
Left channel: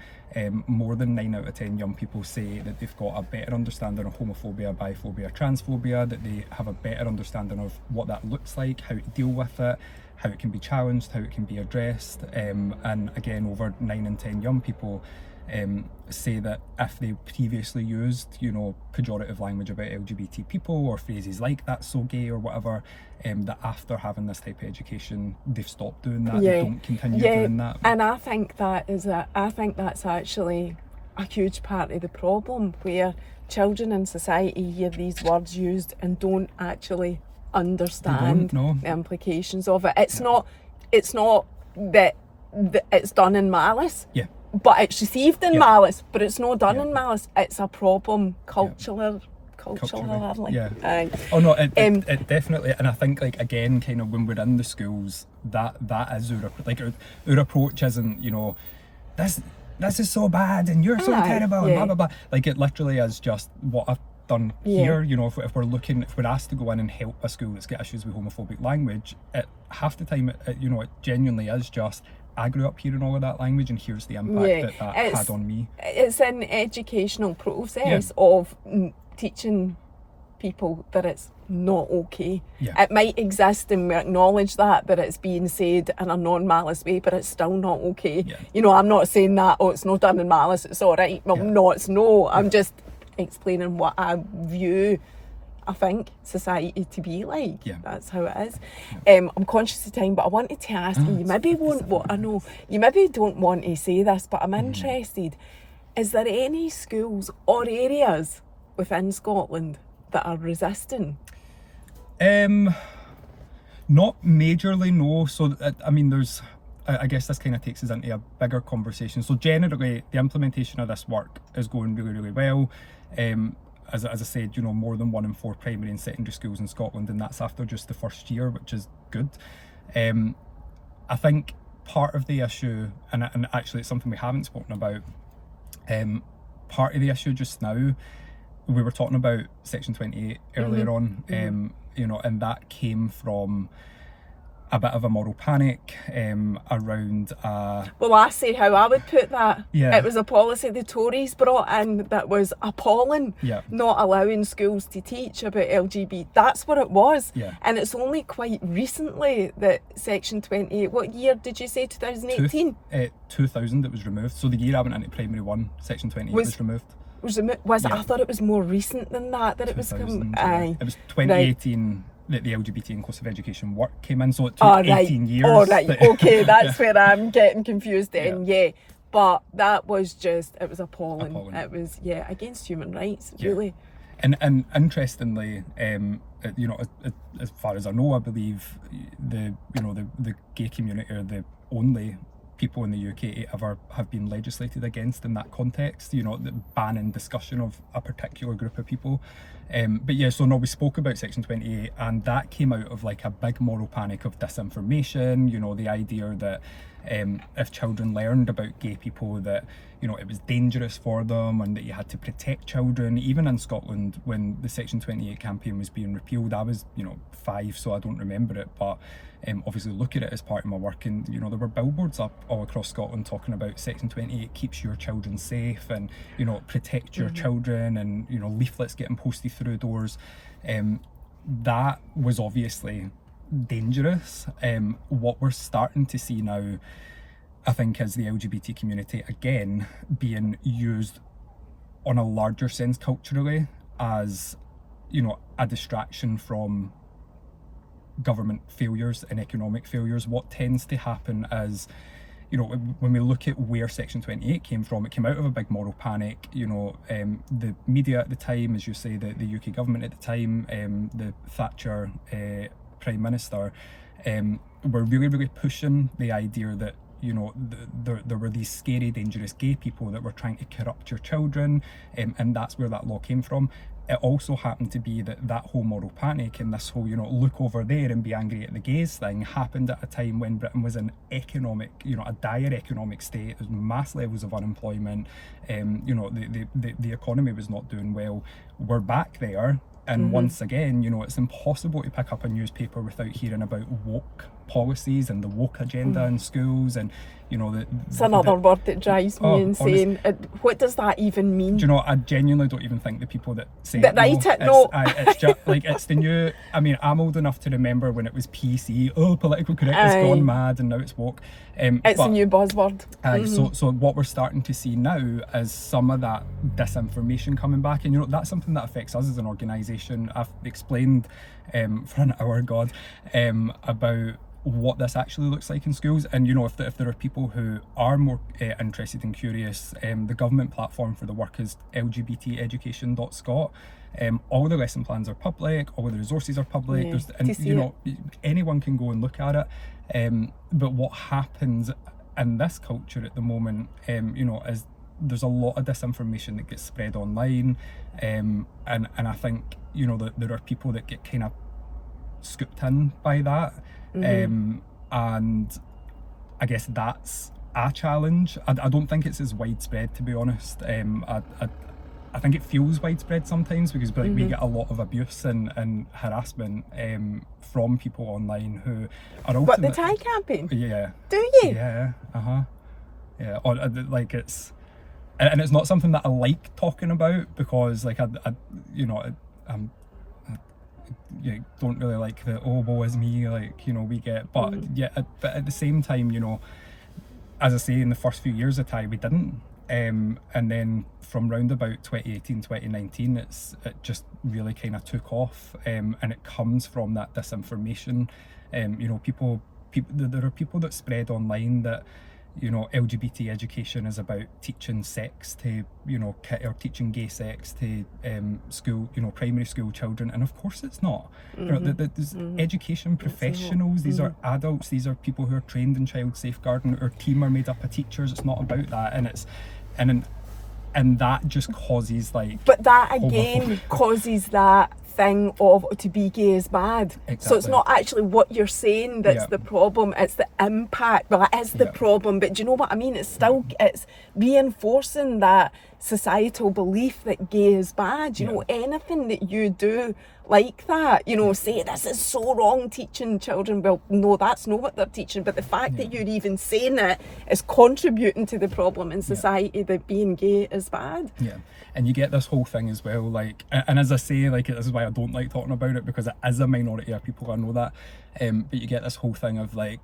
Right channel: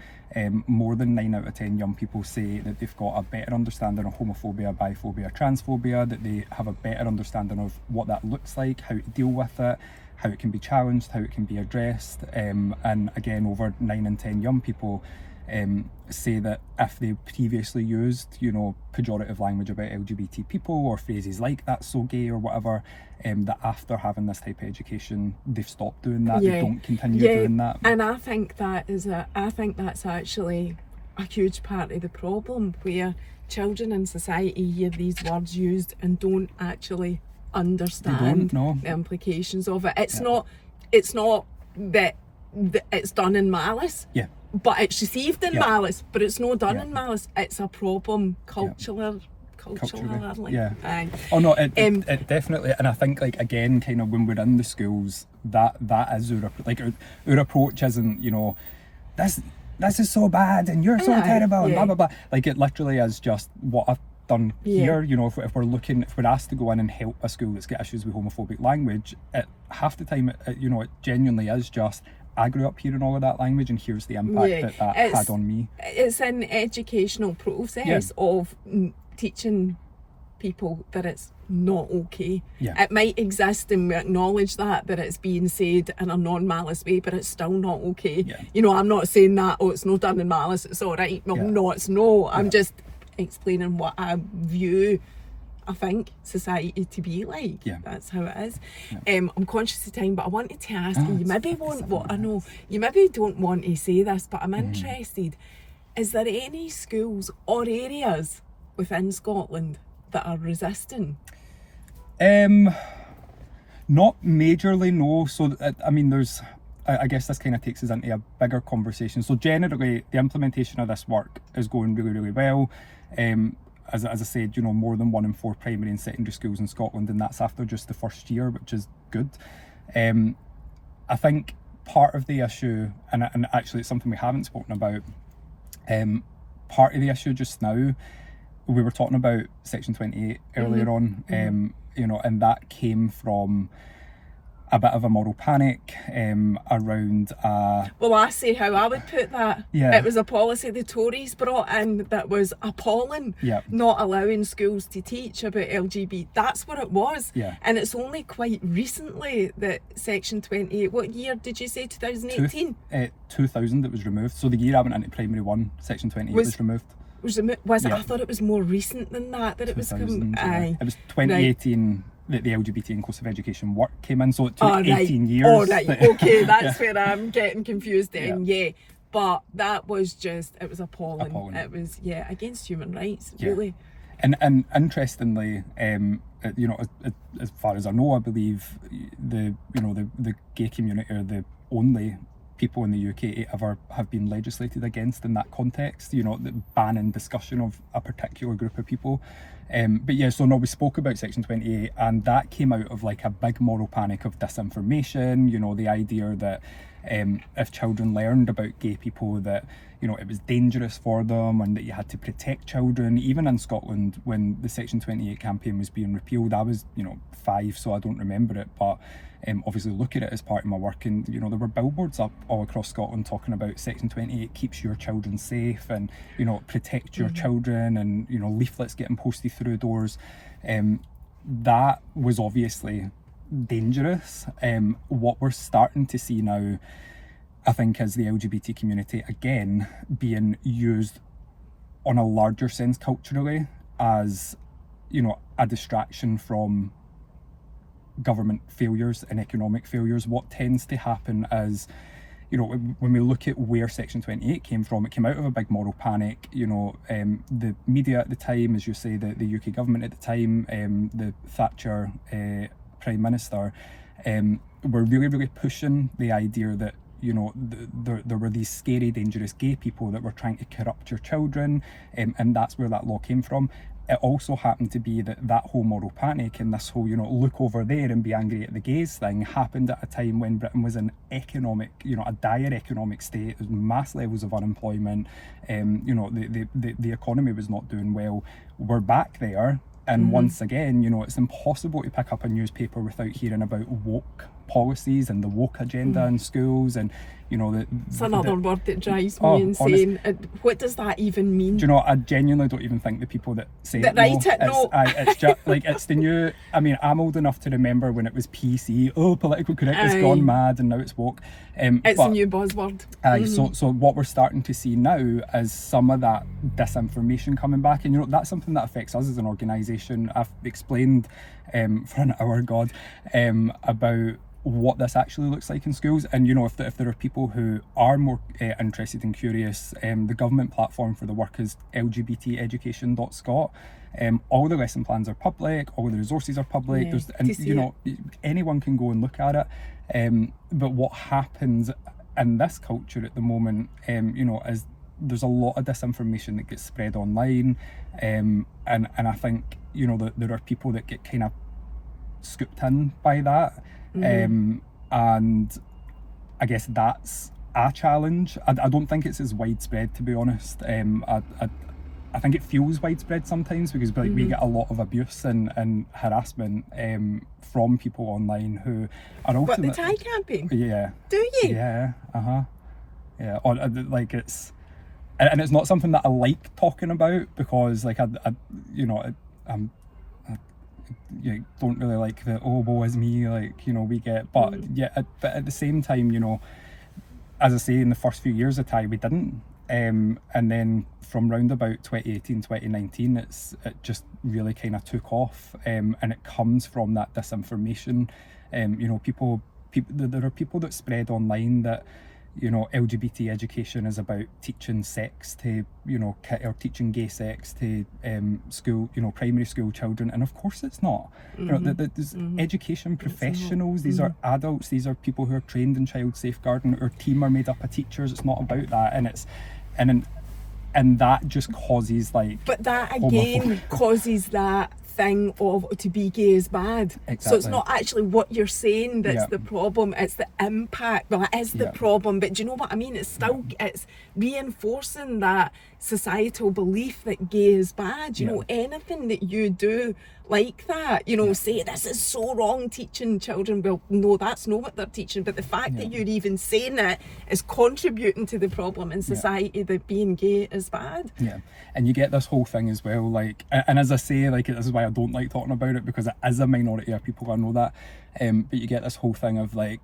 more than 9 out of 10 young people say that they've got a better understanding of homophobia, biphobia, transphobia, that they have a better understanding of what that looks like, how to deal with it, how it can be challenged, how it can be addressed. And again, over 9 in 10 young people say that if they previously used, you know, pejorative language about LGBT people or phrases like "that's so gay" or whatever, that after having this type of education, they've stopped doing that. They don't continue doing that. And I think that's actually a huge part of the problem, where children in society hear these words used and don't actually understand the implications of it. It's not that it's done in malice. Yeah. But it's received in malice, but it's not done in malice. It's a problem culturally. Yeah. Oh no, it definitely, and I think, like, again, kind of when we're in the schools, that is our approach isn't, you know, this is so bad and you're so terrible and blah blah blah. Like, it literally is just what I've done here. You know, if we're asked to go in and help a school that's got issues with homophobic language, half the time you know, it genuinely is just, I grew up hearing all of that language and here's the impact that had on me. It's an educational process of teaching people that it's not okay. It might exist and we acknowledge that it's being said in a non-malice way, but it's still not okay. You know, I'm not saying that, oh, it's not done in malice, it's all right. Well, no, it's no. I'm just explaining what I view, I think, society to be like. That's how it is. I'm conscious of time, but I wanted to ask you, you maybe don't want to say this, but I'm interested. Is there any schools or areas within Scotland that are resisting? Not majorly, no. So I mean, I guess this kind of takes us into a bigger conversation. So generally, the implementation of this work is going really, really well. As I said, you know, more than 1 in 4 primary and secondary schools in Scotland, and that's after just the first year, which is good. I think part of the issue, and actually it's something we haven't spoken about, part of the issue just now, we were talking about Section 28 earlier on, you know, and that came from a bit of a moral panic around... Well, I say how I would put that. It was a policy the Tories brought in that was appalling, not allowing schools to teach about LGBT. That's what it was. And it's only quite recently that Section 28, what year did you say, 2018? 2000 it was removed. So the year I went into primary 1, Section 28 was removed. I thought it was more recent than that it was... It was 2018... that the LGBT inclusive education work came in, so it took 18 years. Okay, that's where I'm getting confused then, but that was just, it was appalling. It was, against human rights, really. And interestingly, you know, as far as I know, I believe the gay community are the only people in the UK to ever have been legislated against in that context, you know, the banning discussion of a particular group of people. But yeah, so no, we spoke about Section 28, and that came out of like a big moral panic of disinformation, you know, the idea that if children learned about gay people, that it was dangerous for them and that you had to protect children. Even in Scotland, when the Section 28 campaign was being repealed, I was 5, so I don't remember it, but obviously look at it as part of my work, and there were billboards up all across Scotland talking about Section 28 keeps your children safe, and protect your children, and leaflets getting posted through doors. That was obviously dangerous. What we're starting to see now, I think, is the LGBT community again being used on a larger sense culturally as a distraction from government failures and economic failures. What tends to happen is, when we look at where Section 28 came from, it came out of a big moral panic. The media at the time, as you say, the UK government at the time, the Thatcher Prime Minister, were really, really pushing the idea that there were these scary, dangerous gay people that were trying to corrupt your children, and that's where that law came from. It also happened to be that whole moral panic and this whole, look over there and be angry at the gays thing happened at a time when Britain was in a dire economic state. There was mass levels of unemployment. The economy was not doing well. We're back there. And once again, it's impossible to pick up a newspaper without hearing about woke policies and the woke agenda in schools, and it's another word that drives me insane. What does that even mean? Do you know, I genuinely don't even think the people that say that write it know. It's just like, it's the new, I'm old enough to remember when it was PC, political correctness gone mad, and now it's woke. It's a new buzzword. So what we're starting to see now is some of that disinformation coming back, and that's something that affects us as an organisation. I've explained for an hour, about what this actually looks like in schools, and if there are people who are more interested and curious, the government platform for the work is lgbteducation.scot. All the lesson plans are public, all the resources are public, anyone can go and look at it. But what happens in this culture at the moment, is there's a lot of disinformation that gets spread online, and I think that there are people that get kind of scooped in by that. And I guess that's a challenge. I don't think it's as widespread, to be honest. I think it feels widespread sometimes because we get a lot of abuse and harassment from people online who are also... What, the Thai campaign? Yeah. Do you? Yeah, yeah. It's... And it's not something that I like talking about because don't really like the woe is me, we get, but but at the same time, as I say, in the first few years of Thai we didn't, and then from round about 2018 2019 it just really kind of took off, and it comes from that disinformation. There are people that spread online that LGBT education is about teaching sex to, or teaching gay sex to school, primary school children, and of course it's not. There's education professionals, these are adults, these are people who are trained in child safeguarding. Our team are made up of teachers. It's not about that, and that just causes But that again causes that thing of to be gay is bad. Exactly. So it's not actually what you're saying that's the problem, it's the impact. Well, it is the problem, but do you know what I mean? It's still, it's reinforcing that societal belief that gay is bad. You know, anything that you do like that, say this is so wrong teaching children. Well, no, that's not what they're teaching, but the fact that you're even saying it is contributing to the problem in society that being gay is bad. Yeah. And you get this whole thing as well, and as I say, this is why I don't like talking about it, because it is a minority of people, I know that, but you get this whole thing of the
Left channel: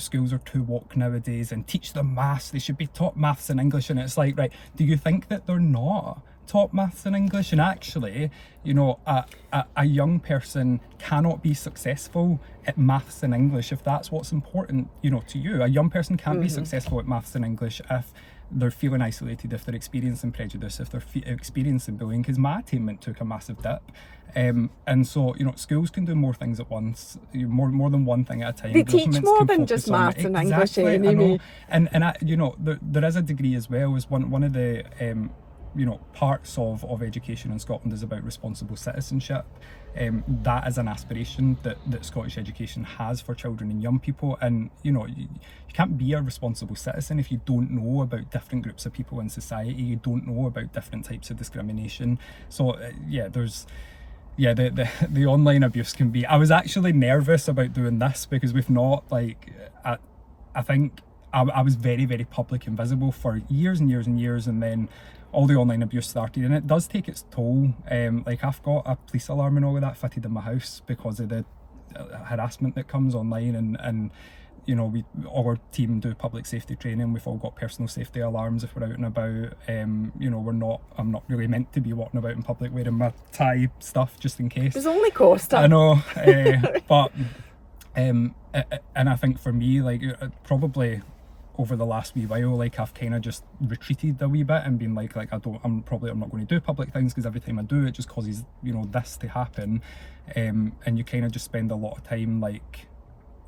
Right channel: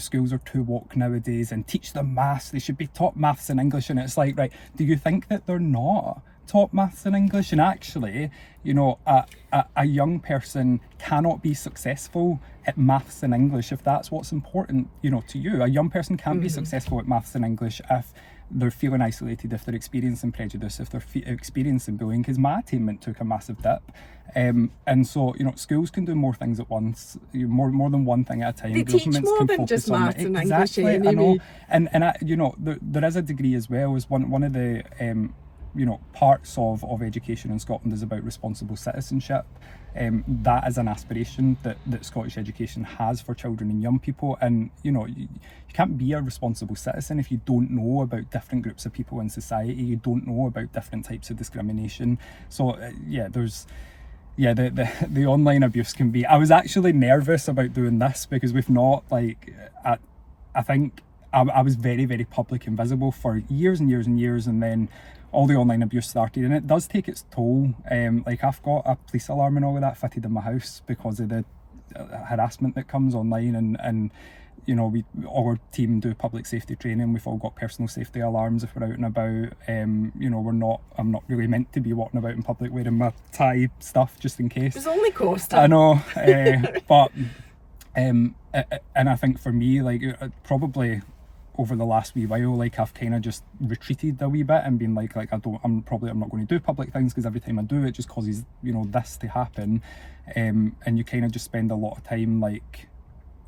schools are too woke nowadays, and teach them maths, they should be taught maths and English, and it's right, do you think that they're not taught maths and English? And actually, a young person cannot be successful at maths and English if that's what's important, to you. A young person can't be successful at maths and English if they're feeling isolated, if they're experiencing prejudice, if they're experiencing bullying, because my attainment took a massive dip. And so, schools can do more things at once, more than one thing at a time. They teach more than just maths and English. I know. And there is a degree as well, as one of the parts of education in Scotland is about responsible citizenship. That is an aspiration that Scottish education has for children and young people, and you can't be a responsible citizen if you don't know about different groups of people in society, you don't know about different types of discrimination. So the online abuse can be... I was actually nervous about doing this because we've not, like, I think I was very, very public and visible for years and years and years, and then all the online abuse started, and it does take its toll. Like, I've got a police alarm and all of that fitted in my house because of the harassment that comes online, and our team do public safety training. We've all got personal safety alarms if we're out and about. I'm not really meant to be walking about in public wearing my tie stuff just in case. It's only Costa. I know, but and I think for me, like, probably over the last wee while, like, I've kind of just retreated a wee bit and been like I'm not going to do public things because every time I do it just causes this to happen, and you kind of just spend a lot of time, like,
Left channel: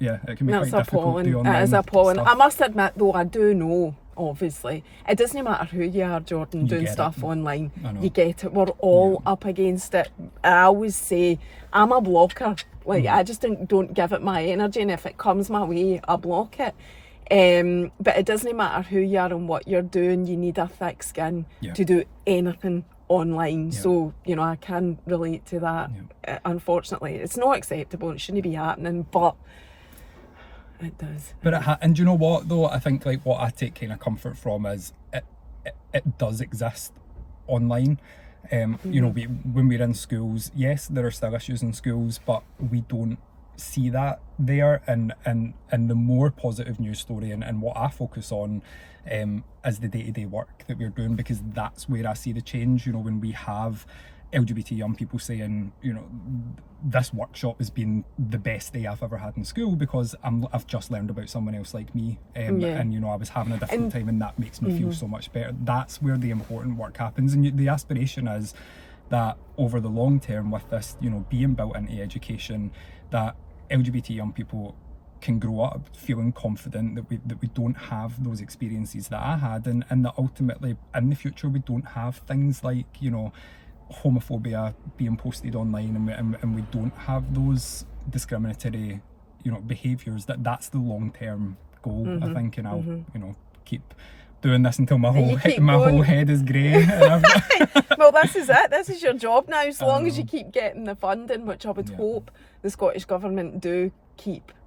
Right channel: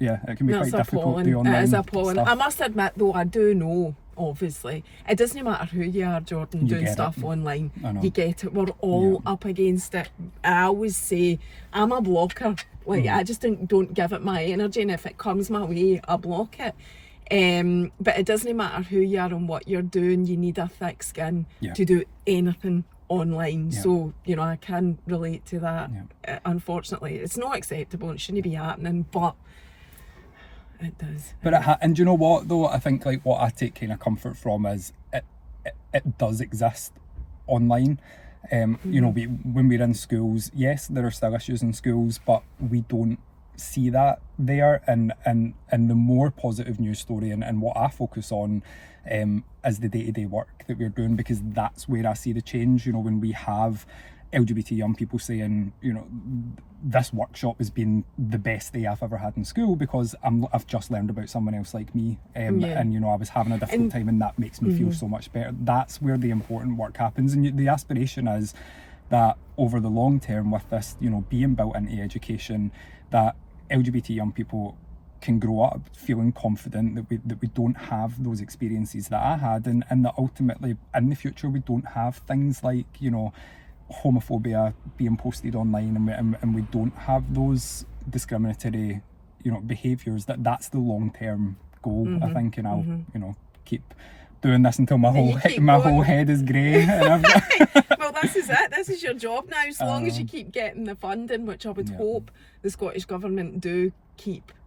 it can be quite difficult to do online. It is appalling. stuff. I must admit though, I do know, obviously, it doesn't matter who you are, Jordan, doing stuff online, you get it. We're all up against it. I always say I'm a blocker. Like, I just don't give it my energy, and if it comes my way, I block it. But it doesn't matter who you are and what you're doing, you need a thick skin to do anything online. So I can relate to that. Unfortunately, it's not acceptable, it shouldn't be happening, but it does. But and do you know what though, I think, like, what I take kind of comfort from is it does exist online. When we're in schools, yes, there are still issues in schools, but we don't see that there, and the more positive news story and what I focus on is the day-to-day work that we're doing, because that's where I see the change. When we have LGBT young people saying, this workshop has been the best day I've ever had in school because I've just learned about someone else like me, and I was having a difficult time, and that makes me feel so much better. That's where the important work happens, and the aspiration is that over the long term, with this being built into education, that LGBT young people can grow up feeling confident that we don't have those experiences that I had, and that ultimately in the future we don't have things like homophobia being posted online, and we don't have those discriminatory behaviours. That's the long-term goal, I think, and I'll keep doing this until my whole head is grey. Well, this is it. This is your job now. As long as you keep getting the funding, which I would hope the Scottish Government do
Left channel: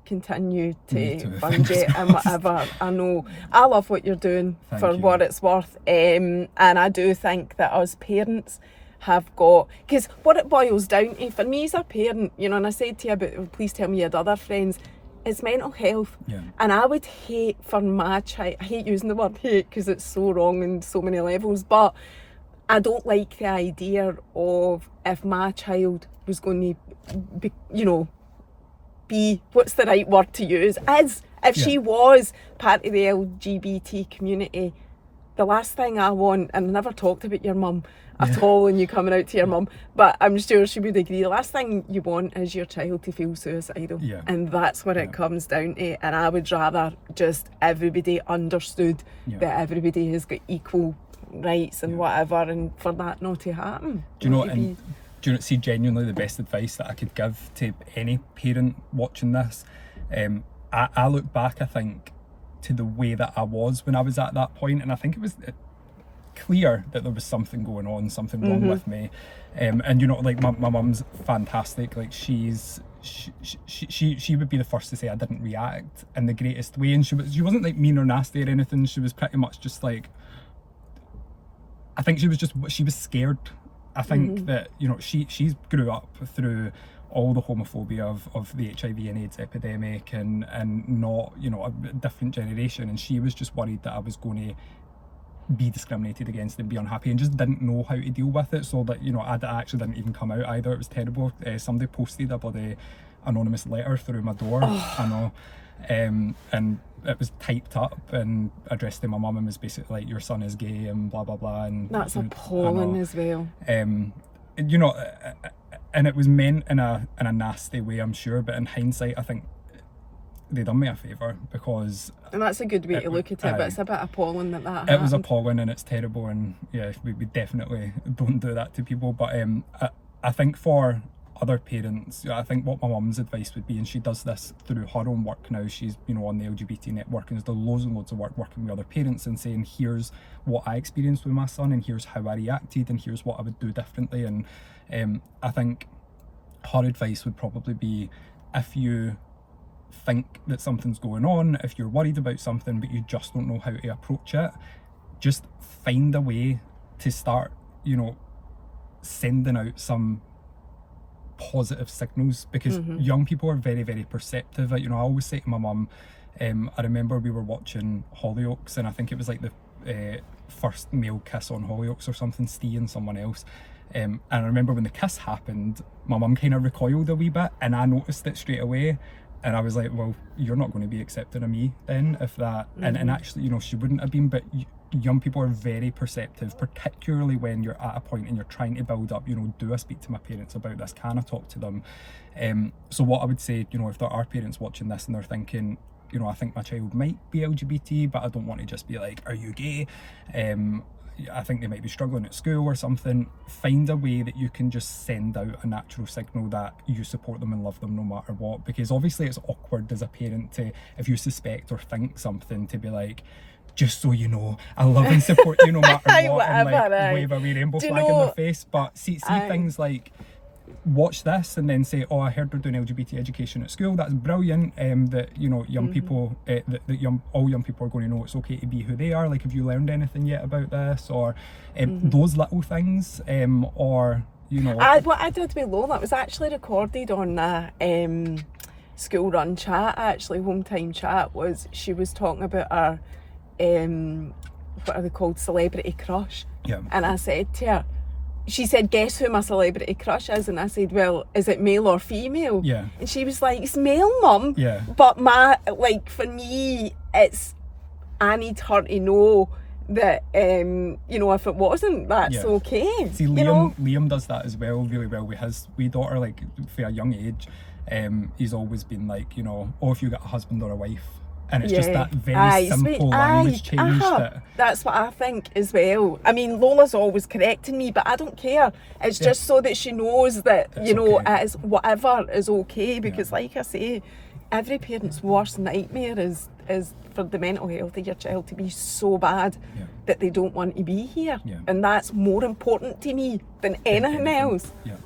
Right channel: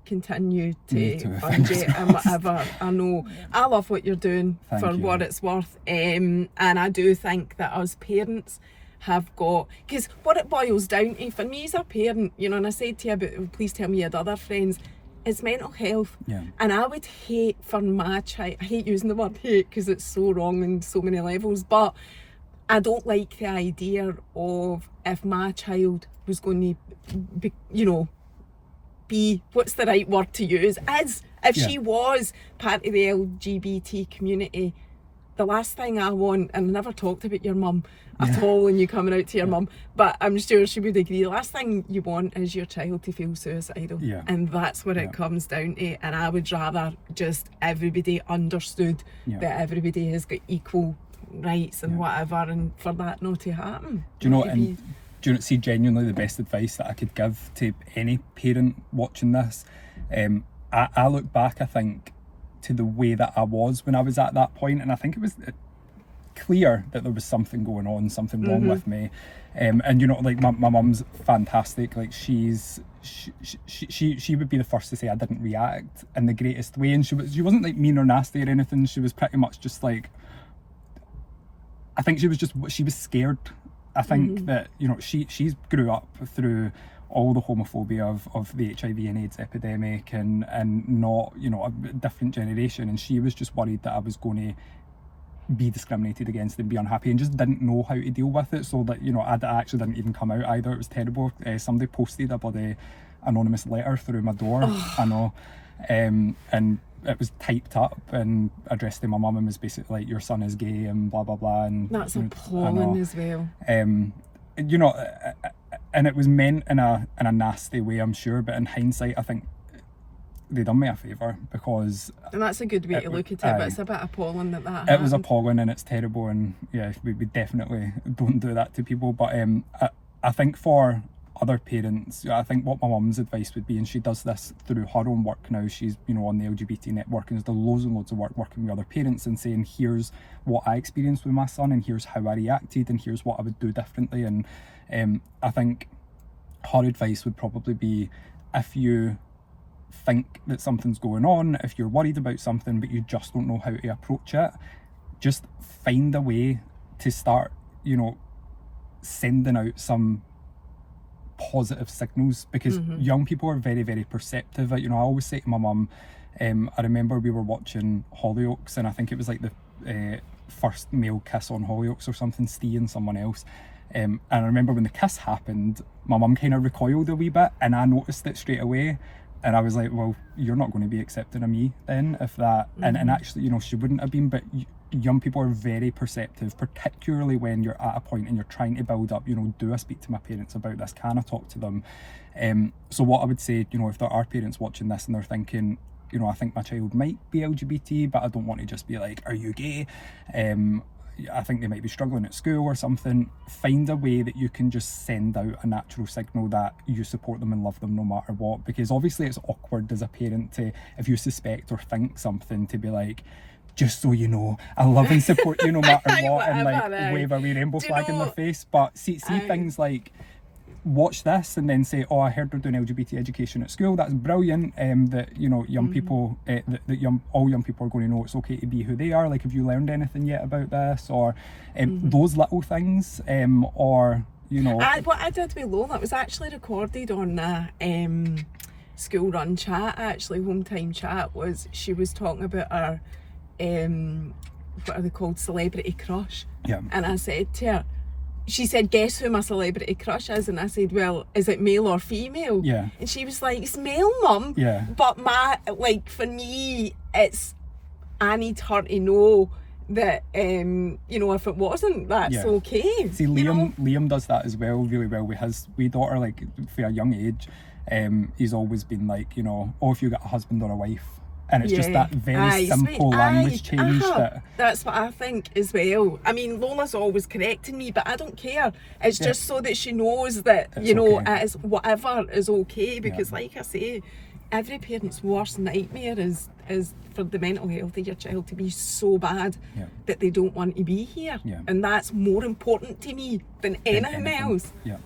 continue to fund it and whatever. I know. I love what you're doing. Thank you. What it's worth. And I do think that us parents have got, because what it boils down to for me as a parent, and I said to you about, please tell me you had other friends, it's mental health. And I would hate for my child, I hate using the word hate because it's so wrong in so many levels, but I don't like the idea of if my child was going to be what's the right word to use, as if she was part of the LGBT community. The last thing I want, and I never talked about your mum at all and you coming out to your mum, but I'm sure she would agree, the last thing you want is your child to feel suicidal, and that's what it comes down to. And I would rather just everybody understood that everybody has got equal rights and whatever, and for that not to happen. Do you see, genuinely the best advice that I could give to any parent watching this? I look back, I think, to the way that I was when I was at that point, and I think it was clear that there was something going on, something wrong with me. And like my mum's fantastic. Like, she would be the first to say I didn't react in the greatest way, and she wasn't like mean or nasty or anything. She was pretty much just like, I think she was scared. I think that she's grew up through all the homophobia of the HIV and AIDS epidemic, and not a different generation, and she was just worried that I was going to be discriminated against and be unhappy, and just didn't know how to deal with it. So that I actually didn't even come out either. It was terrible. Somebody posted a bloody anonymous letter through my door. I know, and it was typed up and addressed to my mum, and was basically like, your son is gay and blah blah blah. And that's appalling as well. And it was meant in a nasty way, I'm sure, but in hindsight I think they done me a favour, because And that's a good way to look at it, but it's a bit appalling that happened. it was appalling and it's terrible, and yeah, we definitely don't do that to people. But I think for other parents, I think what my mum's advice would be, and she does this through her own work now, she's, you know, on the LGBT network and has done loads and loads of work working with other parents and saying, here's what I experienced with my son, and here's how I reacted, and here's what I would do differently. And I think her advice would probably be, if you think that something's going on, if you're worried about something but you just don't know how to approach it, just find a way to start, you know, sending out some positive signals, because young people are very, very perceptive. You know, I always say to my mum, I remember we were watching Hollyoaks, and I think it was like the first male kiss on Hollyoaks or something, Steve and someone else. And I remember when the kiss happened, my mum kind of recoiled a wee bit, and I noticed it straight away. And I was like, well, you're not going to be accepting of me then, if that... And actually, you know, she wouldn't have been, but young people are very perceptive, particularly when you're at a point and you're trying to build up, you know, do I speak to my parents about this? Can I talk to them? So what I would say, you know, if there are parents watching this and they're thinking, you know, I think my child might be LGBT, but I don't want to just be like, are you gay? I think they might be struggling at school or something. Find a way that you can just send out a natural signal that you support them and love them no matter what, because obviously it's awkward as a parent to, if you suspect or think something, to be like, just so you know, I love and support you no matter what, and like wave a wee rainbow flag in their face. But see things like, watch this and then say, oh, I heard they're doing LGBT education at school, that's brilliant, that, you know, young people, all young people are going to know it's okay to be who they are. Like, have you learned anything yet about this? Or those little things, or, you know. What I did with Lola, it was actually recorded on a school run chat, actually, home time chat, was she was talking about her, what are they called, celebrity crush. Yeah. And I said to her, she said, guess who my celebrity crush is? And I said, well, is it male or female? Yeah. And she was like, it's male, mum. Yeah. But for me, it's, I need her to know that, you know, if it wasn't, that's okay. See, Liam does that as well, really well with his wee daughter, like, for a young age. He's always been like, you know, oh, if you got a husband or a wife. And it's just that very simple language change. That's what I think as well. I mean, Lola's always correcting me, but I don't care. It's just so that she knows that, you know, it is, whatever is okay. Because like I say, every parent's worst nightmare is for the mental health of your child to be so bad that they don't want to be here. Yeah. And that's more important to me than anything else. Yeah.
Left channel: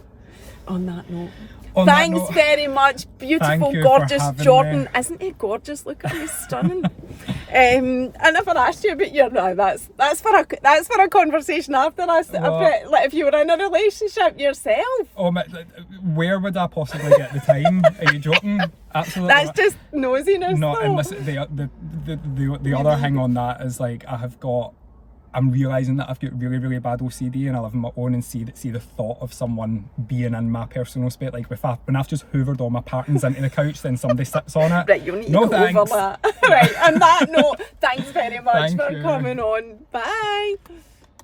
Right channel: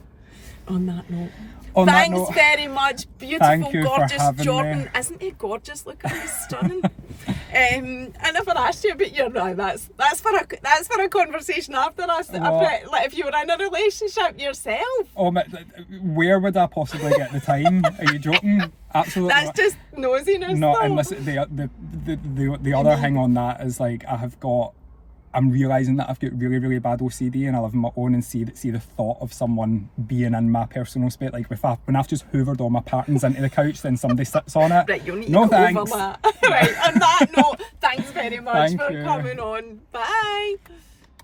On that note. Thanks very much, beautiful, gorgeous Jordan. Me. Isn't he gorgeous? Look at him, he's stunning. I never asked you about your. No, that's for a conversation after us. Like if you were in a relationship yourself. Oh, where would I possibly get the time? Are you joking? Absolutely. That's just nosiness. No, and listen, the other thing on that is like I'm realising that I've got really, really bad OCD, and I live on my own, and see the thought of someone being in my personal space, like when I've just hoovered all my patterns into the couch, then somebody sits on it. Right, you need to go over that. Right, on that note, thanks very much for coming on. Bye.